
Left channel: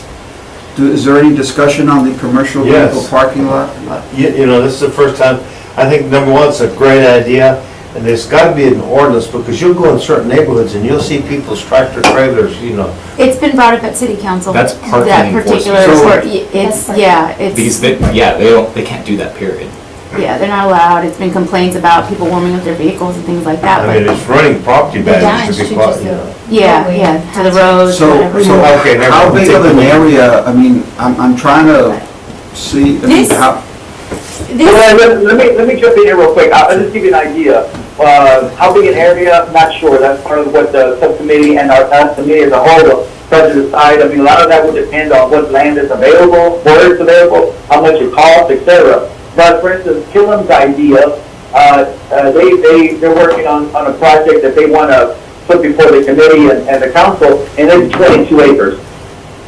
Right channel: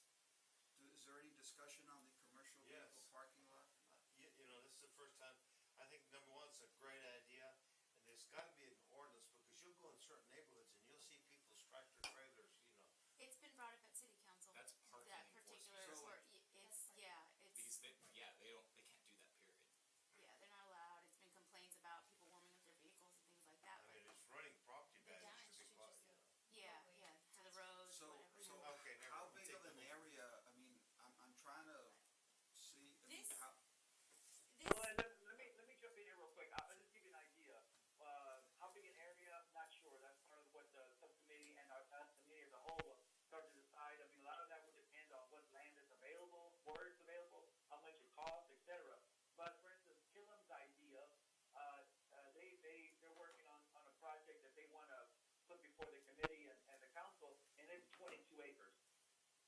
Is there any discussion on the commercial Yes. vehicle parking lot? You know, this is the first time, I think, number one, it's a great idea, and there's got to be an ordinance, because you'll go in certain neighborhoods and you'll see people's tractor trailers, you know. It's been brought up at city council. That's parking That particular, enforcement. it's, Because they can't do that, period. yeah, they're not allowed. It's been complaints about people warming up their vehicles and things like that, I mean, but, it's running property The values damage to be to quite, just you know. yeah, to the roads, So, whatever. Okay, never how mind. big of an area, I mean, I'm trying to see, I mean, This- how, This, Let me jump in here real quick. I'll just give you an idea. How big an area, not sure. That's part of what the subcommittee and our committee as a whole will try to decide. I mean, a lot of that will depend on what land is available, where it's available, how much it costs, etc. But for instance, Killam's idea, they're working on a project that they want to put before the committee and the council, and it's 22 acres,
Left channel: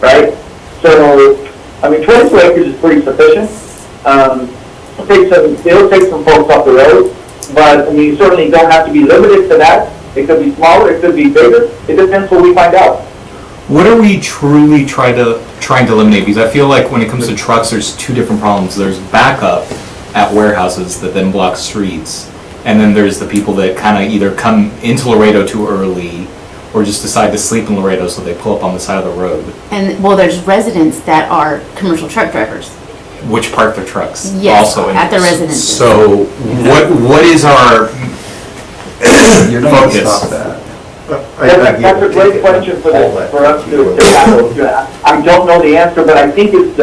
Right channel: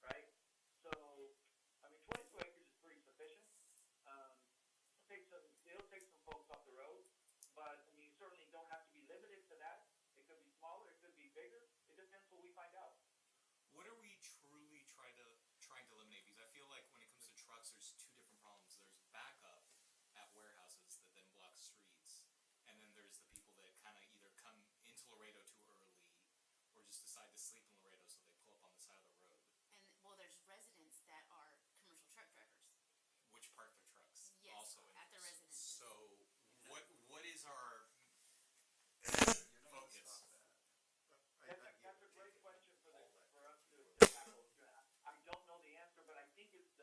right? So, I mean, 22 acres is pretty sufficient. It'll take some folks off the road, but I mean, you certainly don't have to be limited to that. It could be smaller, it could be bigger. It depends what we find out. What are we truly trying to eliminate? Because I feel like when it comes to trucks, there's two different problems. There's backup at warehouses that then block streets, and then there's the people that kind of either come into Laredo too early or just decide to sleep in Laredo, so they pull up on the side of the road, And, well, there's residents that are commercial truck drivers. which park their trucks Yes, also. at the residences. So what is our You're not gonna focus? stop that. That's a great question for us to tackle. I don't know the answer, but I think it's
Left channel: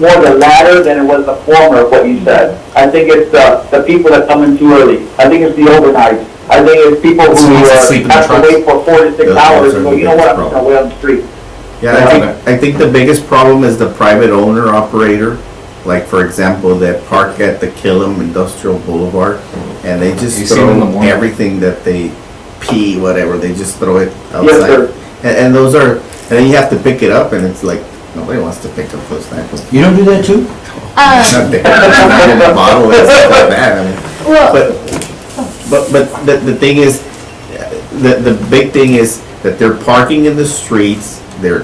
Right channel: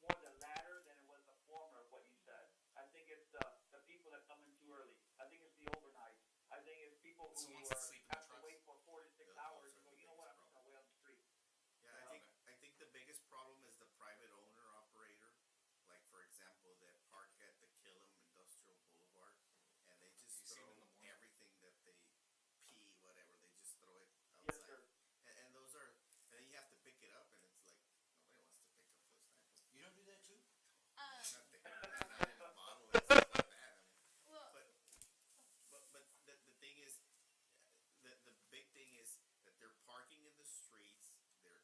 more the latter than it was the former of what you said. I think it's the people that come in too early. I think it's the overnight. I think it's people So who needs to sleep in the have to trucks. wait for 4 to 6 Those hours are and go, the you know what, I'm biggest just gonna wait on the street. Yeah, I think the biggest problem is the private owner operator. Like, for example, that park at the Killam Industrial Boulevard, and they You just see them in the throw morning. everything that they pee, whatever, they just throw it Yes, outside. sir. And those are, and then you have to pick it up, and it's like, nobody wants to pick up those things. You don't do that too? Not pick it up in a bottle and stuff like that, I mean. Well, But the thing is, the big thing is that they're parking in the streets, they're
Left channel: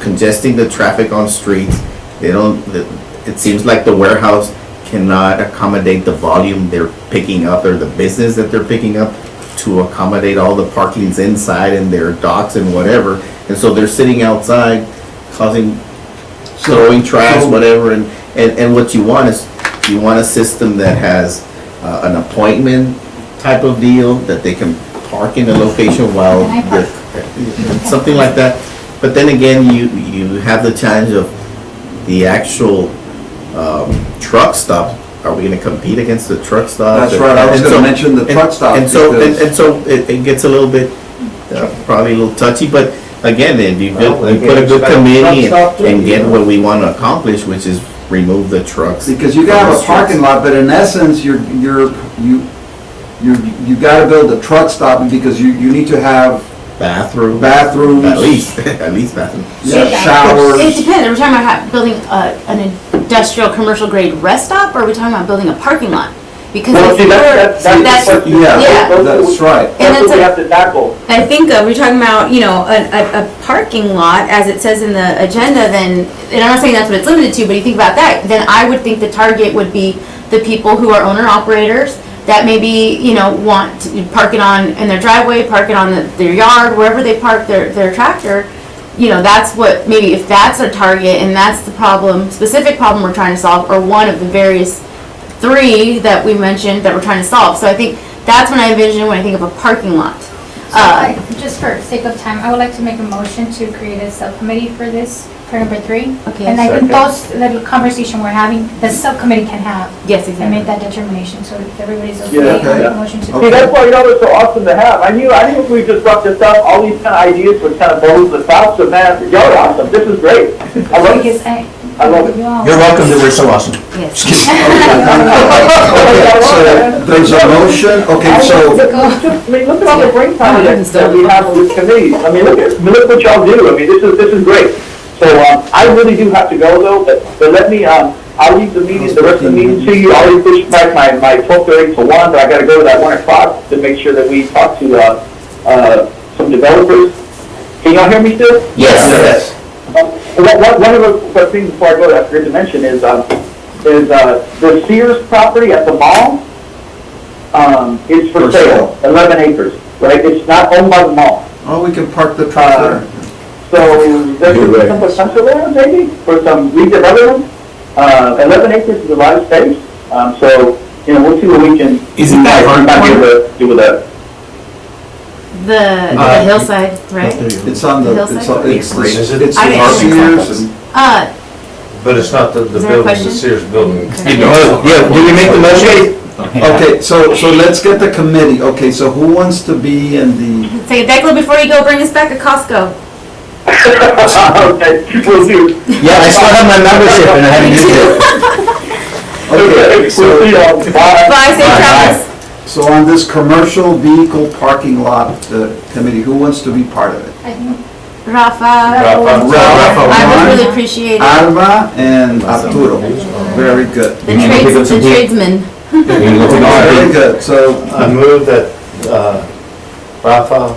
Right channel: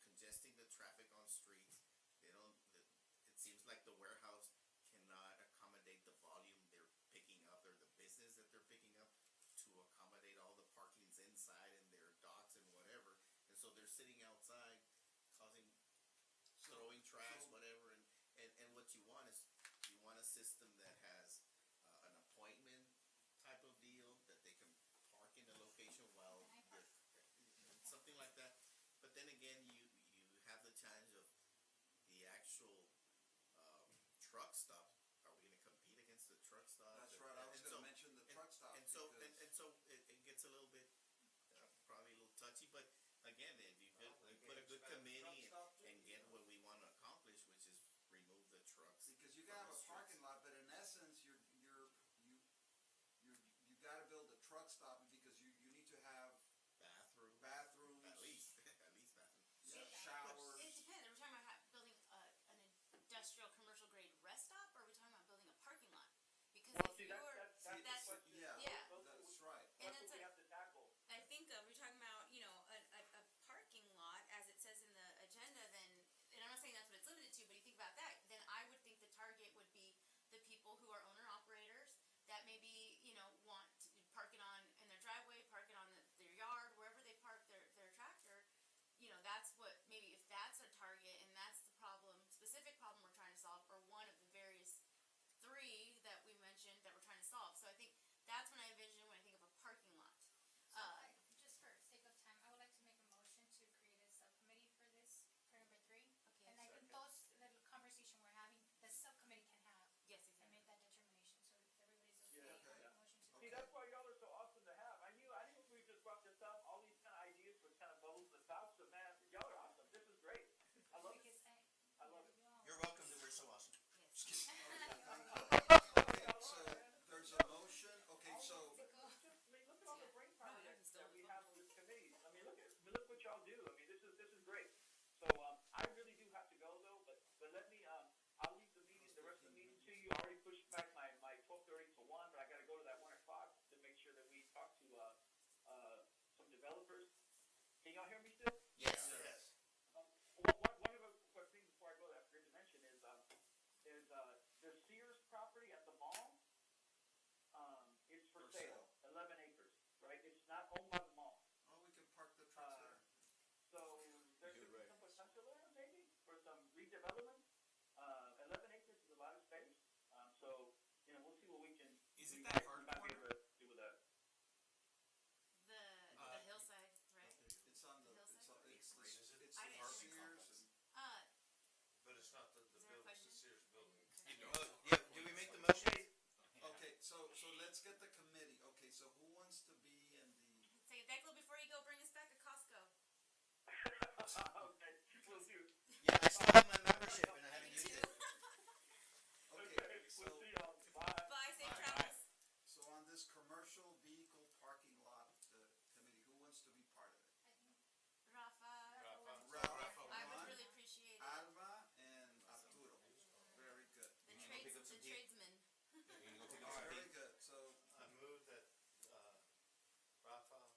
congesting the traffic on streets. They don't, it seems like the warehouse cannot accommodate the volume they're picking up, or the business that they're picking up, to accommodate all the parkings inside and their docks and whatever. And so they're sitting outside causing, throwing trash, whatever, and what you want is, you want a system that has an appointment type of deal, that they can park in a location while, Can I park? something like that. But then again, you have the challenge of the actual truck stop. Are we gonna compete against the truck stops? That's right, I was And gonna so- mention the truck stops. And so, because- and so it gets a little bit, probably a little touchy, but again, if you Well, you put a good it's got a committee truck stop too, and get you know. what we wanna accomplish, which is remove the trucks. Because you from gotta the have a parking streets. lot, but in essence, you gotta build a truck stop because you need to have Bathroom. bathrooms. At least bathroom. Yeah, it showers. depends. Are we talking about building an industrial commercial grade rest stop, or are we talking about building a parking lot? Because Well, if see, that's that's, the question. Yeah, Yeah. that's right. And That's what it's we a- have to tackle. I think we're talking about, a parking lot, as it says in the agenda, then, and I'm not saying that's what it's limited to, but you think about that, then I would think the target would be the people who are owner operators that maybe, want to park it in their driveway, park it on their yard, wherever they park their tractor. That's what, maybe if that's a target and that's the specific problem we're trying to solve, or one of the various 3 that we mentioned that we're trying to solve. So I think that's when I envision when I think of a parking lot. Just for sake of time, I would like to make a motion to create a subcommittee for this, for number 3. Okay. And I think that conversation we're having, the subcommittee can have Yes, and exactly. make that determination. So if everybody's Yeah, okay, I okay. make a motion to. See, that's why, it's so awesome to have. I knew if we just brought this up, all these kind of ideas would kind of bubble to the top, so man, y'all are awesome. This is great. I love it. Because I love it. You're welcome to, we're so awesome. Yes. So there's a motion, okay, so, I mean, look at all the brain power that we have on this committee. I mean, look what y'all do. I mean, this is great. So, I really do have to go though, but let me, I'll leave the meeting, the rest of the meeting to you. I'll already push back my 12:30 to 1, but I gotta go to that 1 o'clock to make sure that we talk to, some developers. Can y'all hear me still? Yes. One of the things before I go that I forgot to mention is the Sears property at the mall, is for For sale, 11 acres, right? It's not owned by the mall. oh, we can park the truck there. So there's You're right. some potential there maybe for some redevelopment. 11 acres is a lot of space, so, we'll see what we can. Is it that hard might be corner? able to do with that. The hillside, right? It's on the, it's on, it's Is it- it's I didn't Sears think and. But it's not the Is there a building, the question? Sears building. Yeah, did we make the motion? Okay, so let's get the committee. Okay, so who wants to be in the, Say, Declan, before you go, bring us back a Costco. Okay, we'll do. Yeah, I still have my membership and I haven't used it. Okay, okay, we'll so, see y'all. Bye. Bye, safe travels. so on this commercial vehicle parking lot committee, who wants to be part of it? I think Rafa. Rafa was- Rafa, I one. would really appreciate it. Alva and Arturo. Very good. The tradesman. Very good, so, I move that Rafa,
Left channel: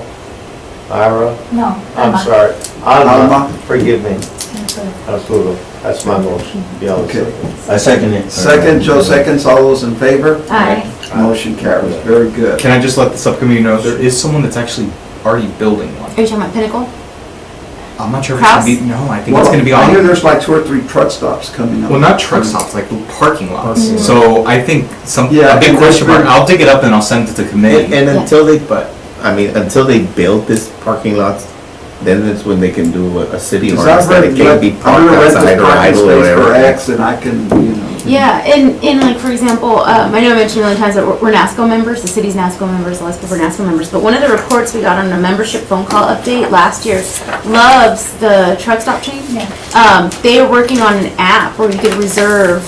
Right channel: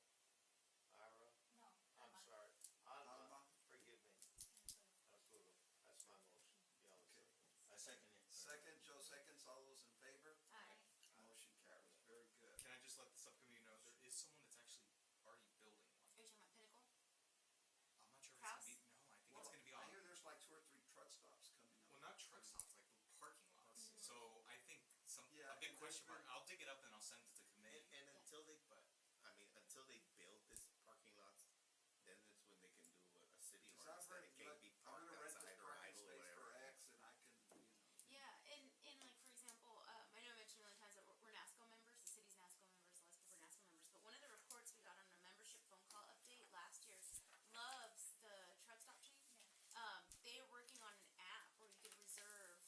Ira? No. I'm Alma. sorry. Alma, Alma. forgive me. Absolutely. Arturo. That's my motion. Be on the Okay. second. I second it. Second, Joe seconds, all those in favor? Aye. Motion carries, very good. Can I just let the subcommittee know, there is someone that's actually already building one. Are you talking about Pinnacle? I'm not sure if it's gonna be, no, I think it's gonna be Well, I hear on, there's like 2 or 3 truck stops coming up. well, not truck stops, like parking lots. Parking lot. So I think Yeah, a big and question there's mark, I'll dig it up and I'll send it to committee. And Yeah. until they, until they build this parking lots, then it's when they can do a city Because ordinance I've that read, it can't be I'm parked gonna rent this outside or parking idle or space for whatever. X and I can, you know. Yeah, and like, for example, I know I mentioned a million times that we're NASCO members, the city's NASCO members, a lot of people are NASCO members, but one of the reports we got on a membership phone call update last year loves the truck stop chain. Yeah. They are working on an app where you could reserve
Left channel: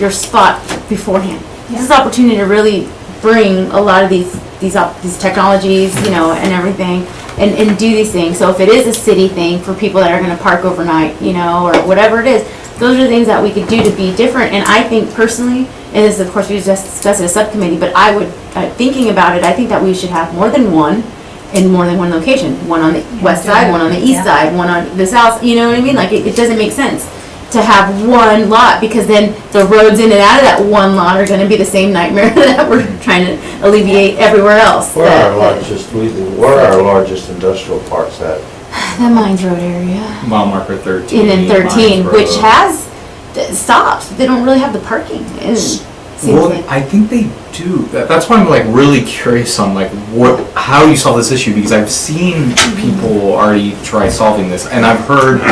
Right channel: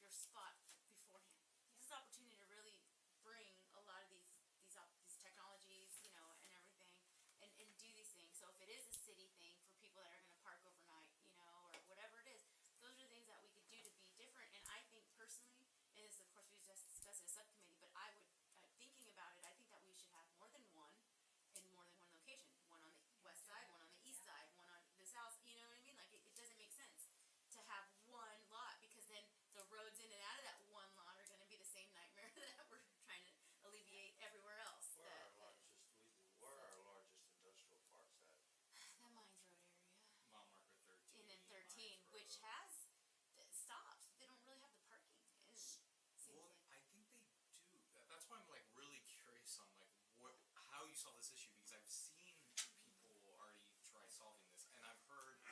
your spot beforehand. This is an opportunity to really bring a lot of these technologies, you know, and everything, and do these things. So if it is a city thing for people that are gonna park overnight, you know, or whatever it is, those are things that we could do to be different. And I think personally, and this, of course, we just discussed at a subcommittee, but I would, thinking about it, I think that we should have more than one in more than one location. One on the west side, one on the east side, one on the south, you know what I mean? Like, it doesn't make sense to have one lot, because then the roads in and out of that one lot are gonna be the same nightmare that we're trying to alleviate everywhere else. Where are our largest industrial parks at? The Mines Road area. Mile marker 13. And then 13, Mines which Road. has stops. They don't really have the parking. And seems Well, like- I think they do. That's why I'm like really curious on like how you solve this issue, because I've seen people already try solving this, and I've heard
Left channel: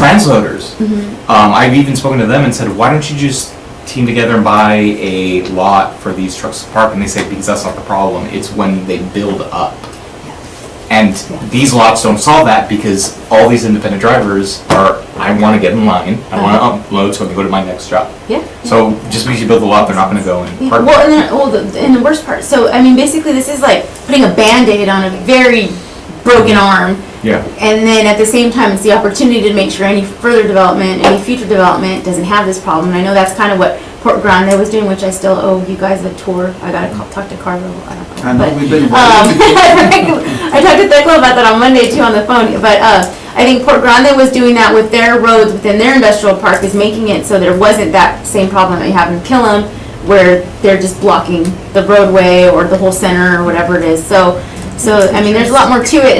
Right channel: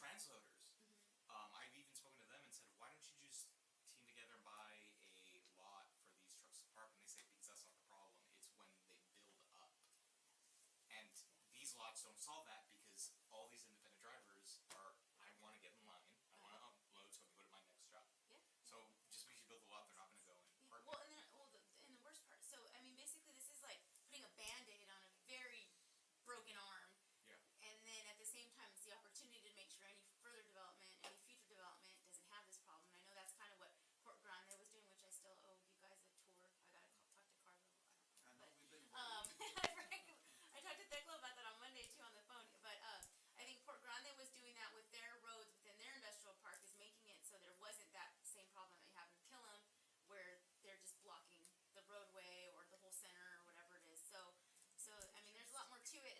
transloaders. I've even spoken to them and said, why don't you just team together and buy a lot for these trucks to park? And they say, because that's not the problem. It's when they build up. And these lots don't solve that, because all these independent drivers are, I want to get in line, I want to upload so I can go to my next job. Yeah. So just because you build a lot, they're not going to go and park. Well, and the worst part, so, I mean, basically, this is like putting a Band-Aid on a very broken arm. Yeah. And then at the same time, it's the opportunity to make sure any further development, any future development doesn't have this problem. And I know that's kind of what Port Grande was doing, which I still owe you guys a tour. I gotta talk to Carlo, I don't know. I know, But, we've been. I talked to Thecla about that on Monday too on the phone, but I think Port Grande was doing that with their roads within their industrial park, is making it so there wasn't that same problem that you have in Killam, where they're just blocking the roadway or the whole center or whatever it is. So I mean, there's a lot more to it,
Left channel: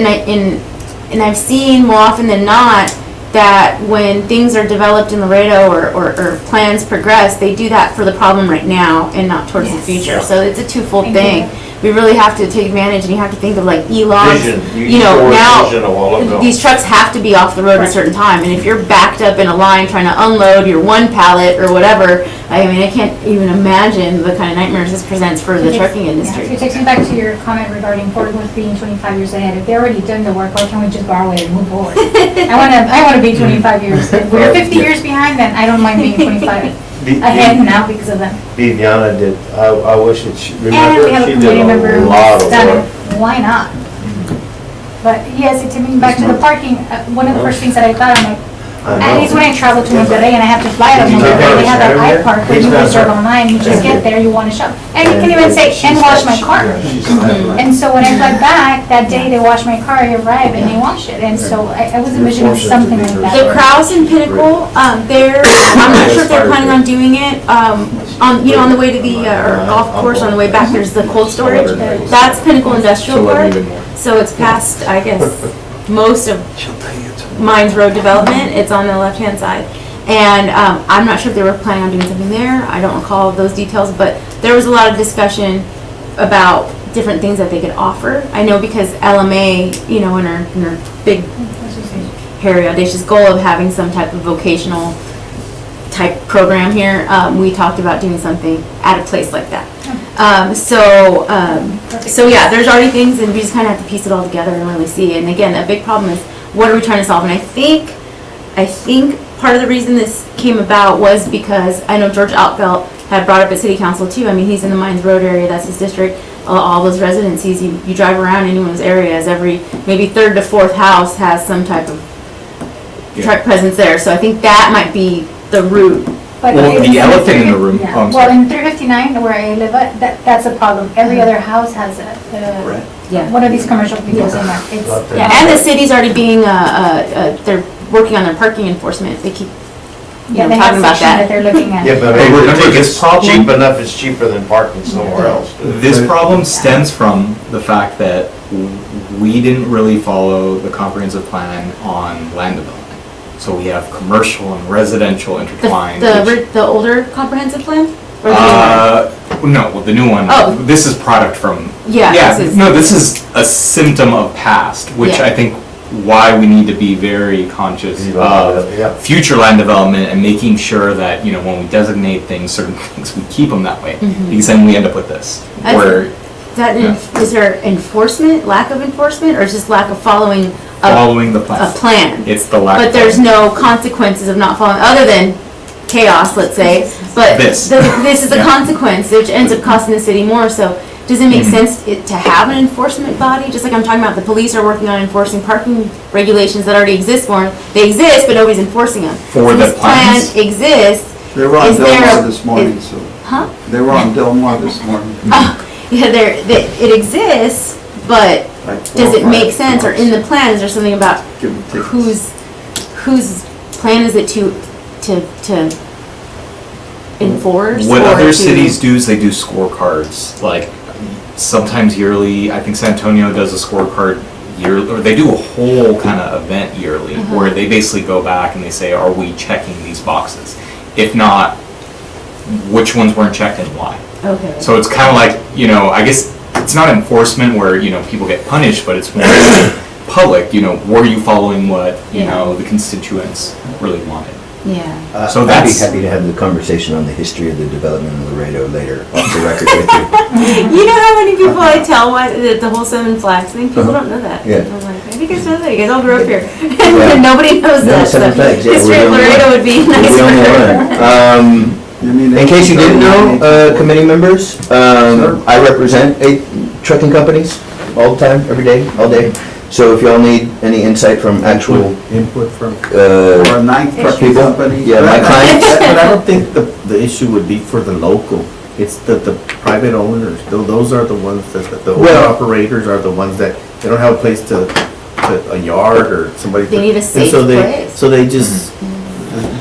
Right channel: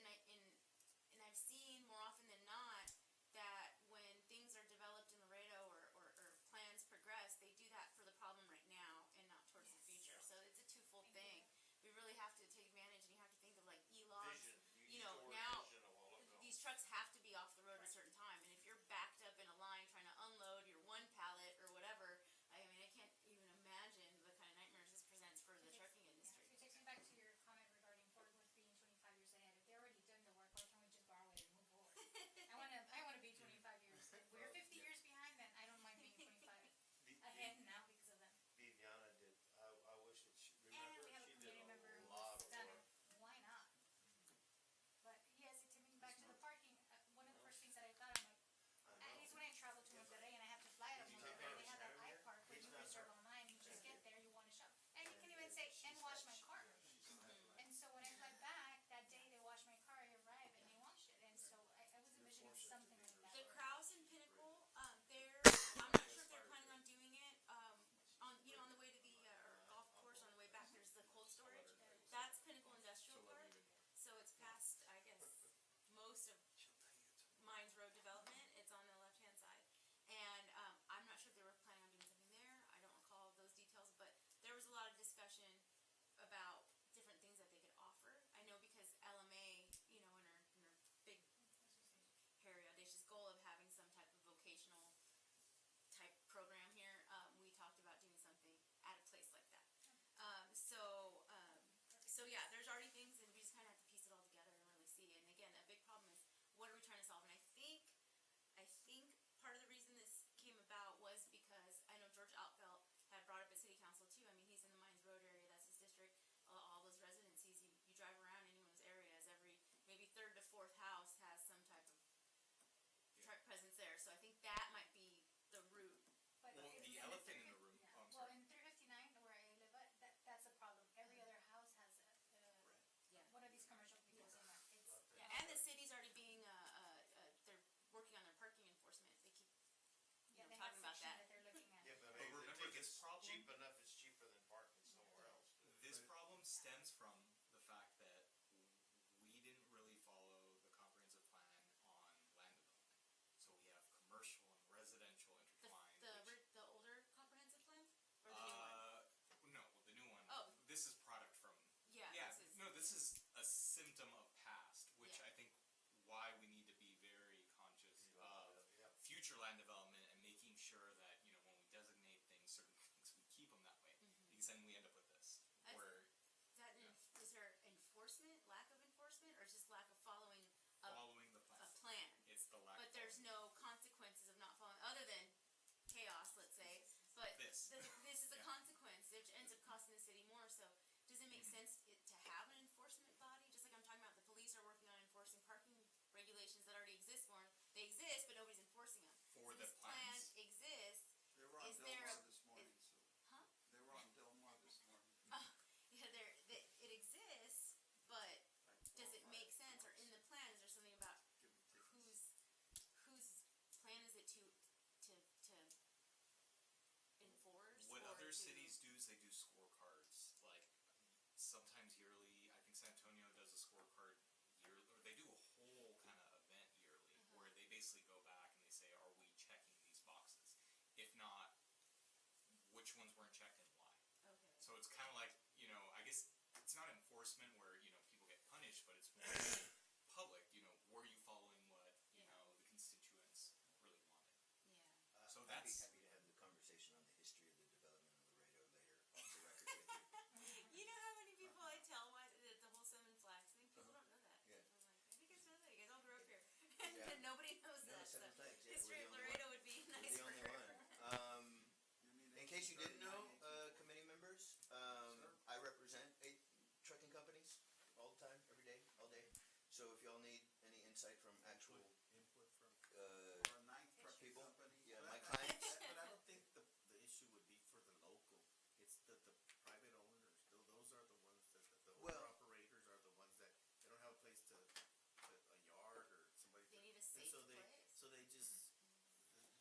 and I've seen more often than not that when things are developed in Laredo or plans progress, they do that for the problem right now and not towards the future. So it's a twofold thing. We really have to take advantage, and you have to think of like e-logs. Vision. You know, Vision of all of now, them. these trucks have to be off the road at a certain time, and if you're backed up in a line trying to unload your one pallet or whatever, I mean, I can't even imagine the kind of nightmares this presents for the trucking industry. It takes me back to your comment regarding Fort Worth being 25 years ahead. If they're already done the work, why can't we just borrow it and move forward? I want to be 25 years. If we're 50 years behind, then I don't mind being 25 ahead now because of them. Viviana did, I wish it, And we remember, have a she community did member a who's lot of done work. it. Why not? But yes, it took me back to the parking. One of the first things that I thought, I'm like, at least when I travel to Monterrey and I have to fly out of Did you Monterrey, they have that have her iPark where here? you Please reserve pass her. online, you just get there, you want to shop. And you can even say, and wash my car. And so when I fly back, that day they wash my car, I arrive and they wash it. And so I was envisioning something like The that. Kraus and Pinnacle, they're, I'm not sure if they're planning on doing it, on, you know, on the way to the, or golf course, on the way back, there's the cold storage. That's Pinnacle Industrial So Park, even more. so it's past, I guess, most of Mines Road development, it's on the left-hand side. And I'm not sure if they were planning on doing something there, I don't recall those details, but there was a lot of discussion about different things that they could offer. I know because LMA, you know, in her big, hairy, audacious goal of having some type of vocational type program here, we talked about doing something at a place like that. So yeah, there's already things, and we just kind of have to piece it all together and really see. And again, a big problem is, what are we trying to solve? And I think part of the reason this came about was because I know George Altfeld had brought up at City Council too. I mean, he's in the Mines Road area, that's his district. All those residencies, you drive around any one of those areas, every maybe third to fourth house has some type of truck presence there. So I think that might be the root But Well, it's the elephant in the 350 room, yeah. oh, I'm Well, sorry. in 359, where I live at, that's a problem. Every other house has Yeah. one of these commercial vehicles in there. It's, Yeah, and the city's already being, they're working on their parking enforcement. They keep, yeah, they have talking about section that that. they're looking at. Yeah, but Hey, remember if this it's problem? cheap enough, it's cheaper than parking somewhere else. This problem stems from the fact that we didn't really follow the comprehensive plan on land development. So we have commercial and residential intertwined. which- The older comprehensive plan? Or the new one? No, well, the new one, Oh. this is product from. Yeah, this is- No, this is a symptom of past, which Yeah. I think why we need to be very conscious of Yeah. future land development and making sure that, you know, when we designate things, certain things, we keep them that way. Because then we end up with this, I where Is there enforcement, lack of enforcement, or is just lack of following a following the plan. a plan? It's the lack. But of there's plan. no consequences of not following, other than chaos, let's say. But This. this is a Yeah. consequence, which ends up costing the city more. So does it make Mhm. sense to have an enforcement body? Just like I'm talking about, the police are working on enforcing parking regulations that already exist for them. They exist, but nobody's enforcing them. For So the this plan plans? exists. They were on Is there Delmar a- this morning, so, Huh? they were on Delmar this morning. Yeah, it exists, but Like 4 does or it make 5 sense? Or in the plan, is there something about Give them tickets. whose plan is it to enforce? What or other to- cities do is they do scorecards, like sometimes yearly. I think San Antonio does a scorecard yearly, or they do a whole kind of event yearly where they basically go back and they say, are we checking these boxes? If not, which ones weren't checked and why? Okay. So it's kind of like, you know, I guess it's not enforcement where, you know, people get punished, but it's more public, you know, were you following what, you Yeah. know, the constituents really wanted? Yeah. So I'd be that's- happy to have the conversation on the history of the development of Laredo later, off the record with you. You know how many people I tell why the whole Seven Flags thing? People don't know that. Yeah. I'm like, maybe you guys know that. You guys all grew up here. Yeah. Nobody knows No, that. Seven so Flags, yeah, history we're of the only Laredo one. would be We're nice the for only her. one. You mean In case you didn't know, 1839, committee members, I represent 8 trucking companies all the time, every day, all day. So if y'all need any insight from actual, Input from. Or a ninth trucking people, company. yeah, my clients. But I don't think the issue would be for the local. It's the private owners, those are the ones that, the owner Well- operators are the ones that, they don't have a place to a yard or somebody. They need a and safe so they- place. So they just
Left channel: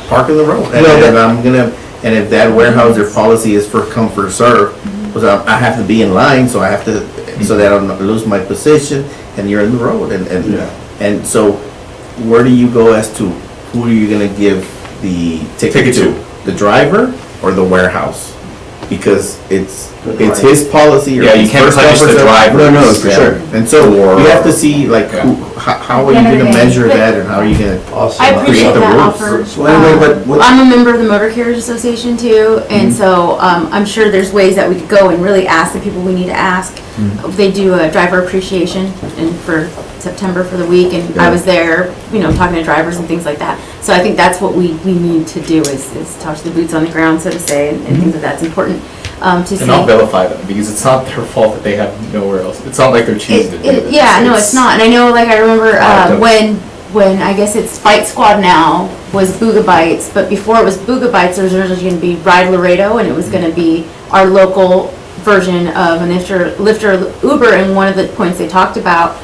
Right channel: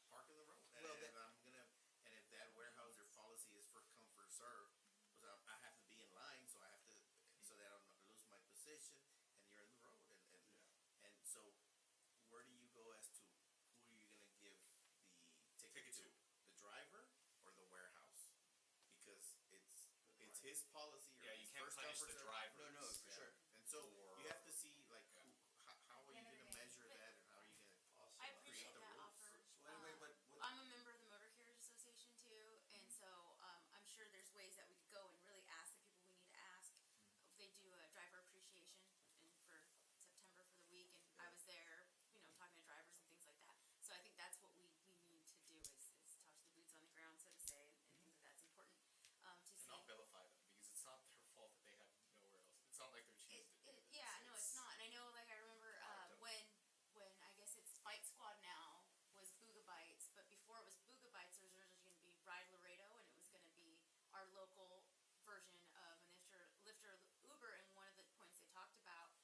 park in the road. And Well, and I'm gonna, and if that warehouse, their policy is for come, for serve, because I have to be in line, so I have to, so that I don't lose my position, and you're in the road, Yeah. and so where do you go as to who are you gonna give the ticket to? The driver or the warehouse? Because it's his policy or. Yeah, you his can't first punish come, the first served. driver. No, no, for Yeah. sure. And so Or- you have to see like Yeah. how are you gonna measure that and how are you gonna? Also, I appreciate the that rules. offer. So anyway, but what, I'm a member of the Motor Carriers Association too, and so I'm sure there's ways that we could go and really ask the people we need to ask. They do a driver appreciation and for September for the week, and I was there, you know, talking to drivers and things like that. So I think that's what we need to do is talk to the boots on the ground, so to say, and think that that's important to see. And not vilify them, because it's not their fault that they have nowhere else. It's not like they're choosing to do this. Yeah, no, it's not. And I know, like, I remember Product of- when I guess it's Bite Squad now was Booga Bites, but before it was Booga Bites, there was originally going to be Ride Laredo, and it was going to be our local version of an Lyfter Uber. And one of the points they talked about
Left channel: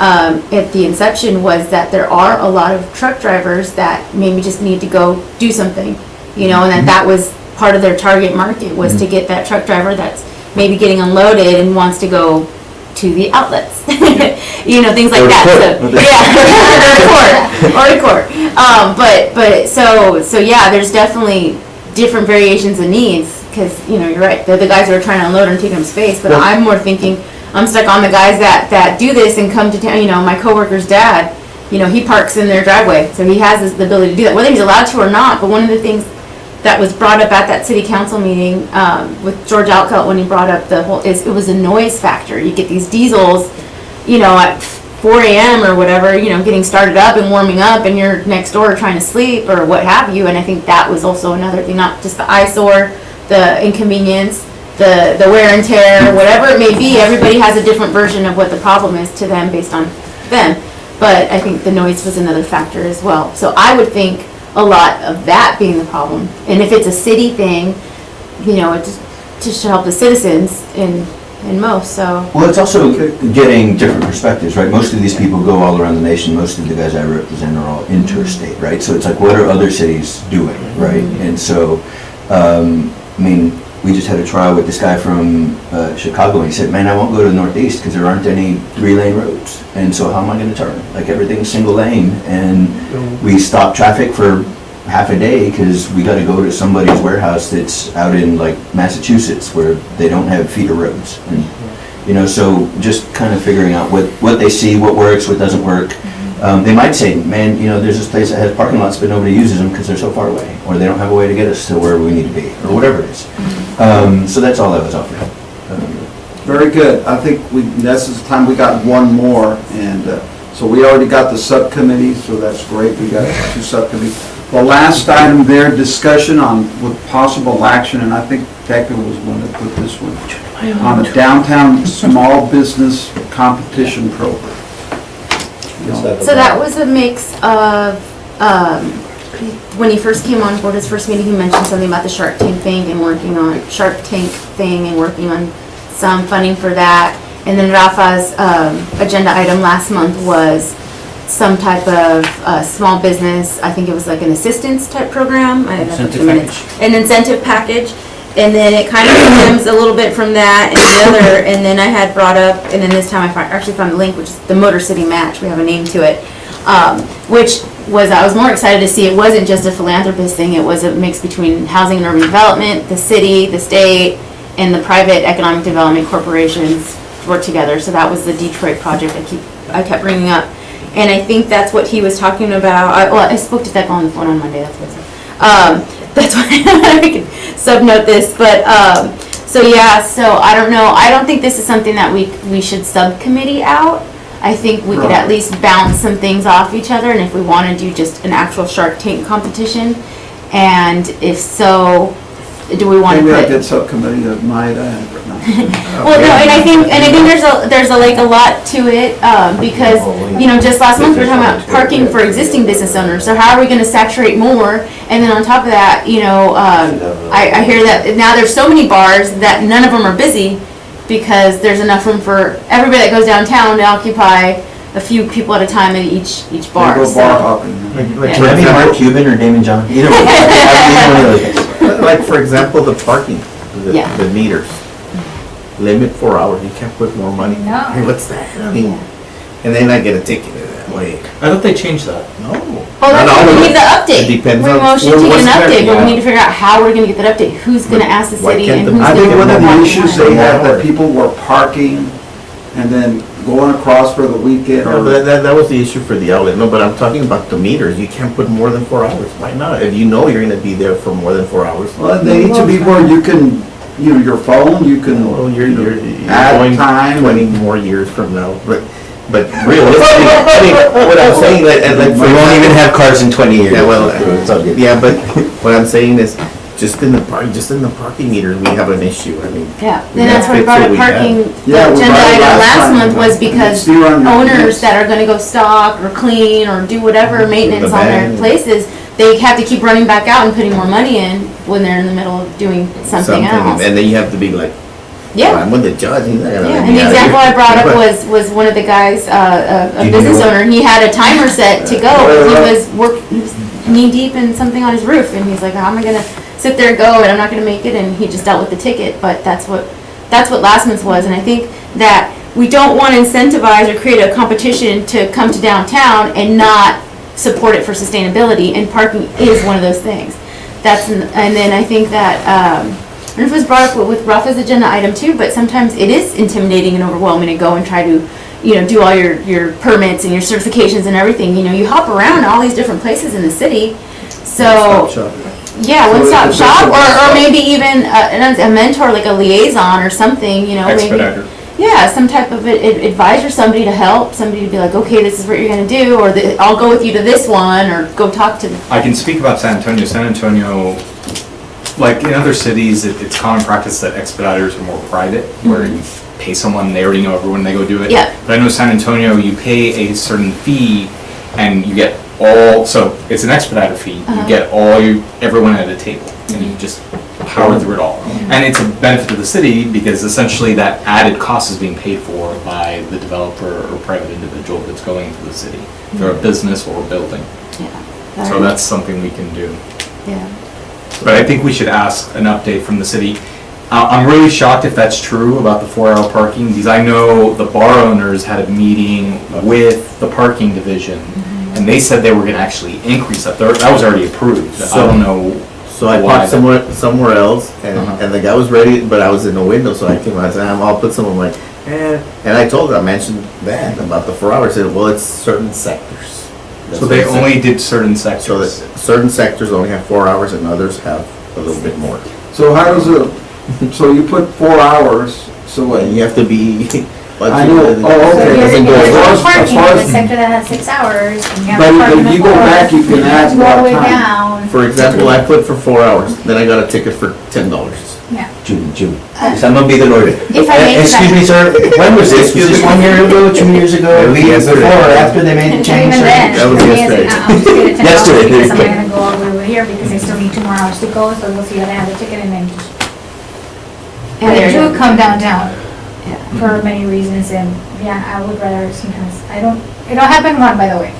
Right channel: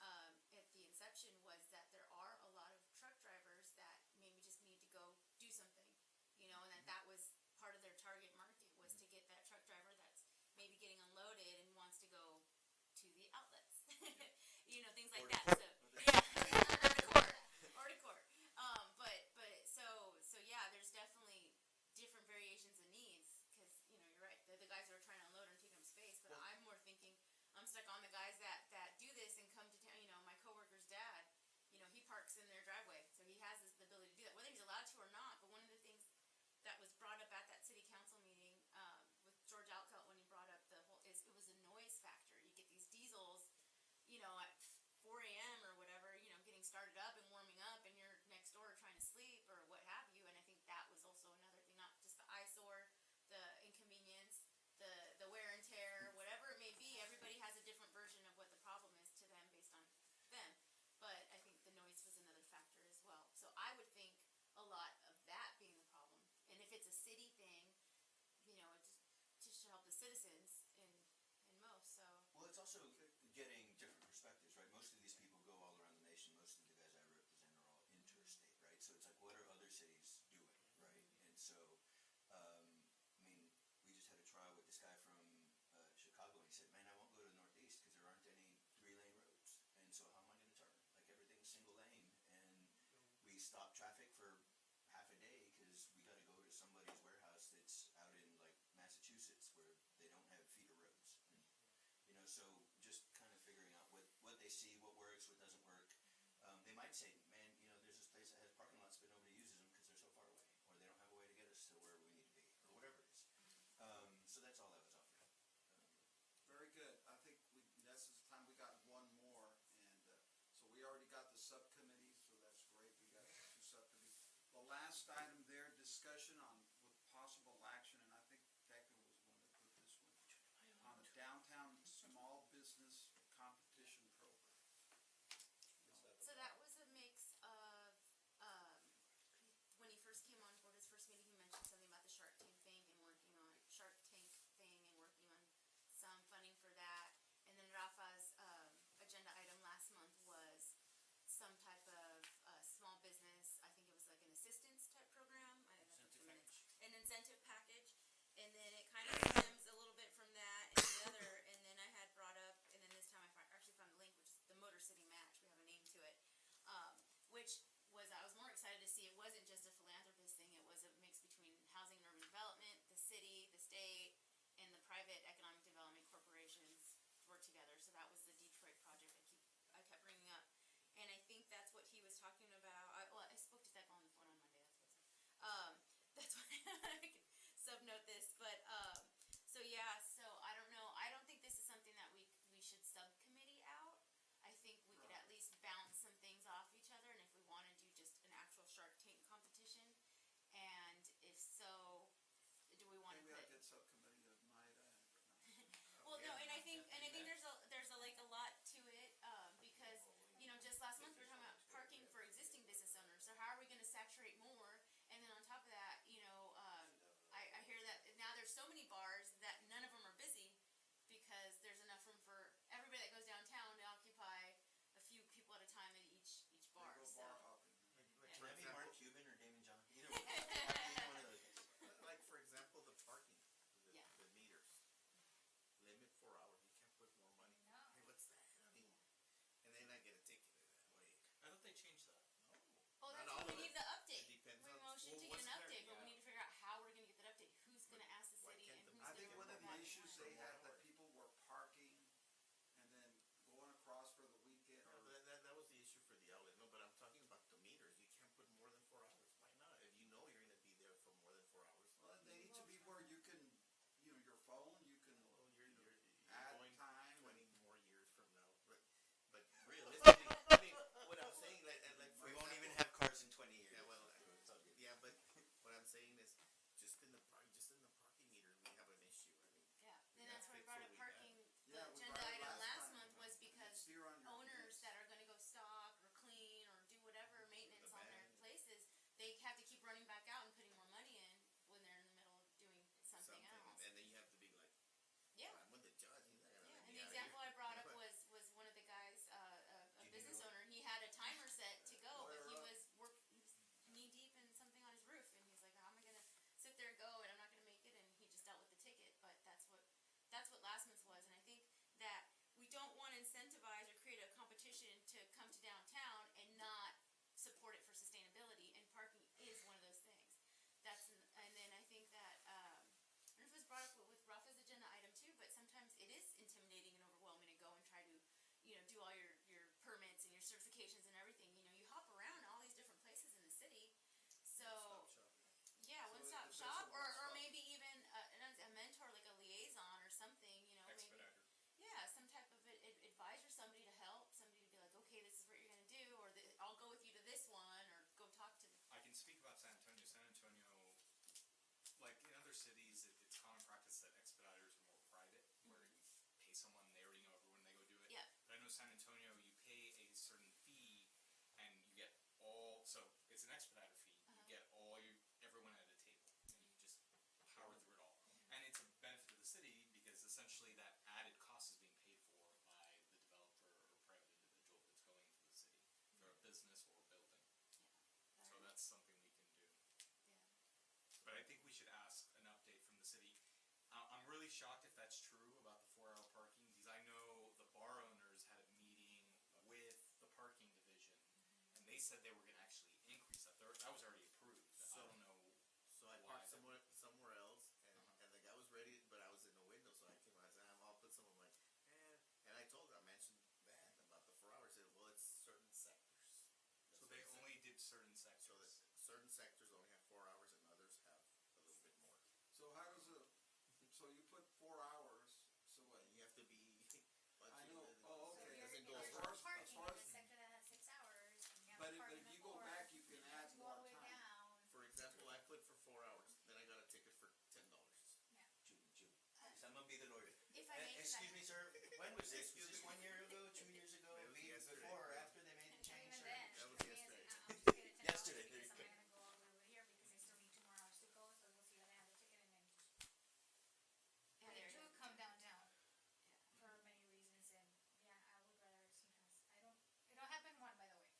at the inception was that there are a lot of truck drivers that maybe just need to go do something, you know, and that was part of their target market was to get that truck driver that's maybe getting unloaded and wants to go to the outlets, you know, things like Or to that. court. So, yeah, or to court. But so yeah, there's definitely different variations of needs because you know you're right. They're the guys who are trying to unload and take up space. But I'm more thinking I'm stuck on the guys that do this and come to town. You know, my coworker's dad. You know, he parks in their driveway, so he has the ability to do that, whether he's allowed to or not. But one of the things that was brought up at that city council meeting with George Alcott when he brought up the whole, it was a noise factor. You get these diesels, you know, at 4 a.m. or whatever, you know, getting started up and warming up and you're next door trying to sleep or what have you. And I think that was also another thing, not just the eyesore, the inconvenience, the wear and tear, whatever it may be. Everybody has a different version of what the problem is to them based on them. But I think the noise was another factor as well. So I would think a lot of that being the problem. And if it's a city thing, you know, it just should help the citizens in most, so. Well, it's also getting different perspectives, right? Most of these people go all around the nation. Most of the guys I represent are all interstate, right? So it's like, what are other cities doing, right? And so, I mean, we just had a trial with this guy from Chicago, and he said, man, I won't go to the Northeast because there aren't any 3-lane roads. And so how am I going to turn? Like, everything's single lane, and we stop traffic for half a day because we got to go to somebody's warehouse that's out in like Massachusetts where they don't have feeder roads. And, you know, so just kind of figuring out what they see, what works, what doesn't work. They might say, man, you know, there's this place that has parking lots, but nobody uses them because they're so far away, or they don't have a way to get us to where we need to be, or whatever it is. So that's all I was offering. Very good. I think this is the time we got one more, and so we already got the subcommittee, so that's great. We got 2 subcommittees. The last item there, discussion on with possible action, and I think Becca was one that put this one, on the downtown small business competition program. So that was a mix of, when he first came on board, his first meeting, he mentioned something about the Shark Tank thing and working on some funding for that. And then Rafa's agenda item last month was some type of small business, I think it was like an assistance type program. An incentive package. And then it kind of stems a little bit from that and the other, and then I had brought up, and then this time I actually found the link, which is the Motor City Match, we have a name to it, which was, I was more excited to see it wasn't just a philanthropist thing, it was a mix between housing and urban development, the city, the state, and the private economic development corporations work together. So that was the Detroit project I kept bringing up. And I think that's what he was talking about. I spoke to Thecla on the phone on Monday, that's what I said. That's why I can subnote this, but, so yeah, so I don't know, I don't think this is something that we should subcommittee out. I think we could at least bounce some things off each other, and if we want to do just an actual Shark Tank competition, and if so, do we want to put? Maybe I did subcommittee of my, Well, no, and I think there's a lot to it, because, you know, just last month we were talking about parking for existing business owners, so how are we gonna saturate more? And then on top of that, you know, I hear that now there's so many bars that none of them are busy, because there's enough room for everybody that goes downtown to occupy a few people at a time at each bar. Go So- bar hopping. Like, can I be Mark Cuban or Damon John? Either way. Like, for example, the parking, Yeah. the meters. Limit 4 hours, you can't put more money. No. Hey, what's that? I mean, and then I get a ticket that way. I thought they changed that. No. Oh, that's Not why we always. need the update. It depends We on- motion to well, get what's an there, update, but we yeah. need to figure out how we're gonna get that update. Who's gonna ask the Why city can't and the- who's I gonna? think one of the provide issues what? they had, that people were parking and then going across for the weekend, No, or that was the issue for the outlet. No, but I'm talking about the meters. You can't put more than 4 hours. Why not? If you know you're gonna be there for more than 4 hours. well, they need to be where you can, you know, your phone, you can Well, you're add going time. 20 more years from now, but realistically, I mean, what I'm saying, like, We won't even have cars in 20 years. Yeah, well, It's all good. yeah, but what I'm saying is, just in the parking meters, we have an issue. I mean, Yeah, we then that's gotta why I fix brought what up we have. parking, Yeah, the we agenda brought it item last last time. month was because See you on your owners minutes. that are gonna go stock or clean or do whatever maintenance The on their van. places, they have to keep running back out and putting more money in when they're in the middle of doing something else. And then you have to be like, Yeah. well, I'm with the judge, he's not gonna Yeah, let and me the out of example here. I brought up But- was one of the guys, a Do you business know- owner, he had a timer set to go, he was knee deep in something on his roof, and he's like, how am I gonna sit there and go, and I'm not gonna make it, and he just dealt with the ticket, but that's what last month's was, and I think that we don't wanna incentivize or create a competition to come to downtown and not support it for sustainability, and parking is one of those things. And then I think that, I don't know if it was brought up with Rafa's agenda item too, but sometimes it is intimidating and overwhelming to go and try to, you know, do all your permits and your certifications and everything. You know, you hop around all these different places in the city. So, yeah, So one-stop it's shop, a- or maybe even a mentor, like a liaison or something, you know, maybe. Expediter. Yeah, some type of advisor, somebody to help, somebody to be like, okay, this is what you're gonna do, or I'll go with you to this one, or go talk to. I can speak about San Antonio. San Antonio, like in other cities, it's common practice that expediters are more private, where you pay someone, they already know everyone, they go do it. Yeah. But I know San Antonio, you pay a certain fee, and you get all, so it's an expediter fee. You get everyone at a table, and you just power through it all. And it's a benefit to the city because essentially that added cost is being paid for by the developer or private individual that's going into the city. If they're a business or a building. Yeah. So that's something we can do. Yeah. But I think we should ask an update from the city. I'm really shocked if that's true about the 4-hour parking, because I know the bar owners had a meeting with the parking division, and they said they were gonna actually increase that. That was already approved. I don't know. So I why parked somewhere else, and the guy was ready, but I was in the window, so I came out and said, I'll put some. I'm like, and I told her, I mentioned that about the 4 hours. I said, well, it's certain sectors. That's So what they I said. only did certain So that sectors. certain sectors only have 4 hours and others have a little bit more. So how does it, so you put 4 hours, so what? And you have to be. I know. Oh, So okay. if Doesn't you're go as far as- parking as far in the as- sector that has 6 hours, and you have But to park in if the you go forest, back, you can add go more all the way time. down. For example, I put for 4 hours, then I got a ticket for $10. Yeah. June. So I'm gonna be the lawyer. If I may, Excuse me, sir, when was this? Was this 1 year ago, 2 years ago? At least Before or after they made the And change, even sir? then, That was for me, yesterday. I'm just gonna $10 Yesterday, because I'm there not you gonna go all the way over here because they still need 2 more hours to go, so we'll see how they have the ticket and then just. And They they're- do come downtown Yeah. for many reasons, and yeah, I would rather sometimes, it don't happen one, by the way.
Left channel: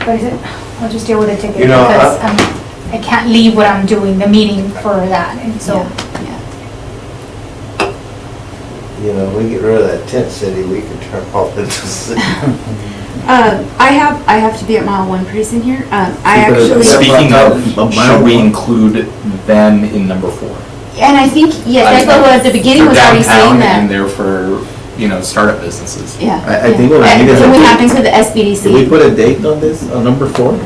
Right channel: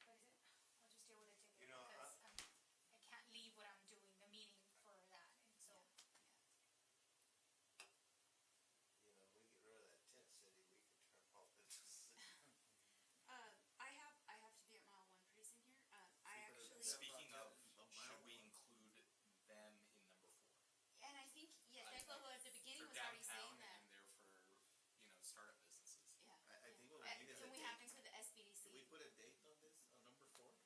But I said, I'll just deal with the ticket You know, because I can't leave what I'm doing, the meeting for that, and so. You know, we get rid of that tent city, we could turn off the city. I have to be at mile 1 pretty soon here. I actually, Speaking of, But should we include them in number 4? and I think, yes, that's what at the beginning was already saying And that. they're for, startup businesses. Yeah. I think what we need is a And we date. have to include the If we SBDC. put a date on this, on number 4,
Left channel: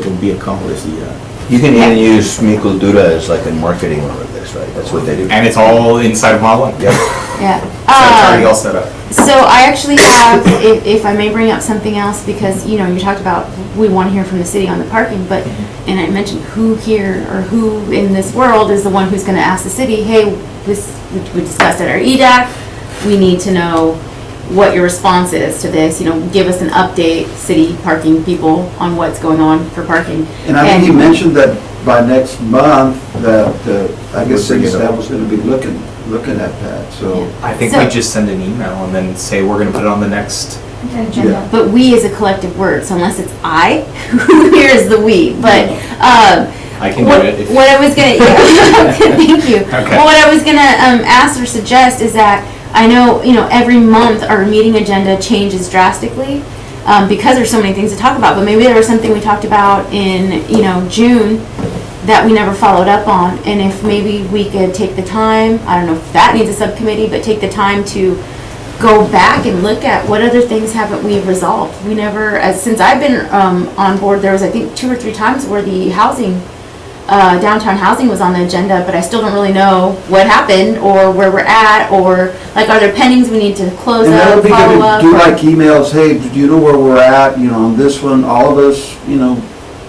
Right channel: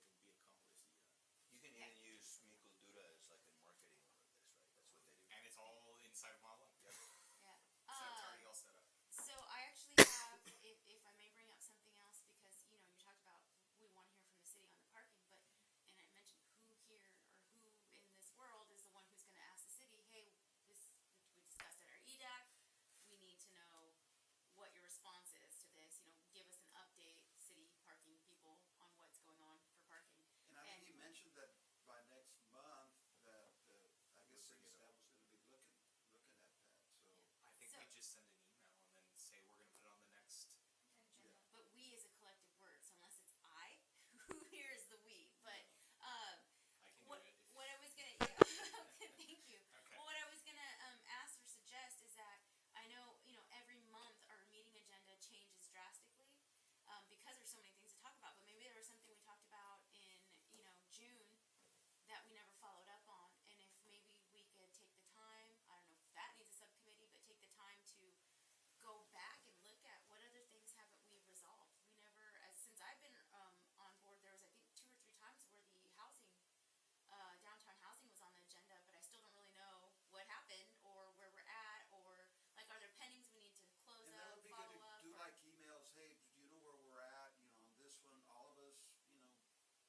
it'll be accomplished, yeah. You can even use Mico Dura as like a marketing over this, right? That's what they do. And it's all inside of Mile 1. Yep. Yeah. So it's already all set up. So I actually have, if I may bring up something else, because, you talked about, we want to hear from the city on the parking, but, and I mentioned who here, or who in this world is the one who's gonna ask the city, hey, this, we discussed at our EDAC, we need to know what your response is to this, give us an update, city parking people, on what's going on for parking. And I think he mentioned that by next month, that, I guess We'll bring city it up. staff was gonna be looking at that, so. I think So- we just send an email and then say we're gonna put it on the next. Agenda. But we is a collective word, so unless it's I, who here is the we, but, I can do What, it. what I was gonna, yeah, thank you. Okay. Well, what I was gonna ask or suggest is that I know, every month our meeting agenda changes drastically because there's so many things to talk about. But maybe there was something we talked about in, June that we never followed up on. And if maybe we could take the time, I don't know if that needs a subcommittee, but take the time to go back and look at what other things haven't we resolved. We never, since I've been on board, there was I think 2 or 3 times where the housing downtown housing was on the agenda, but I still don't really know what happened or where we're at, or like, are there pendings we need to close And that up, would be follow good up? to do or- like emails, hey, do you know where we're at, on this one, all of us,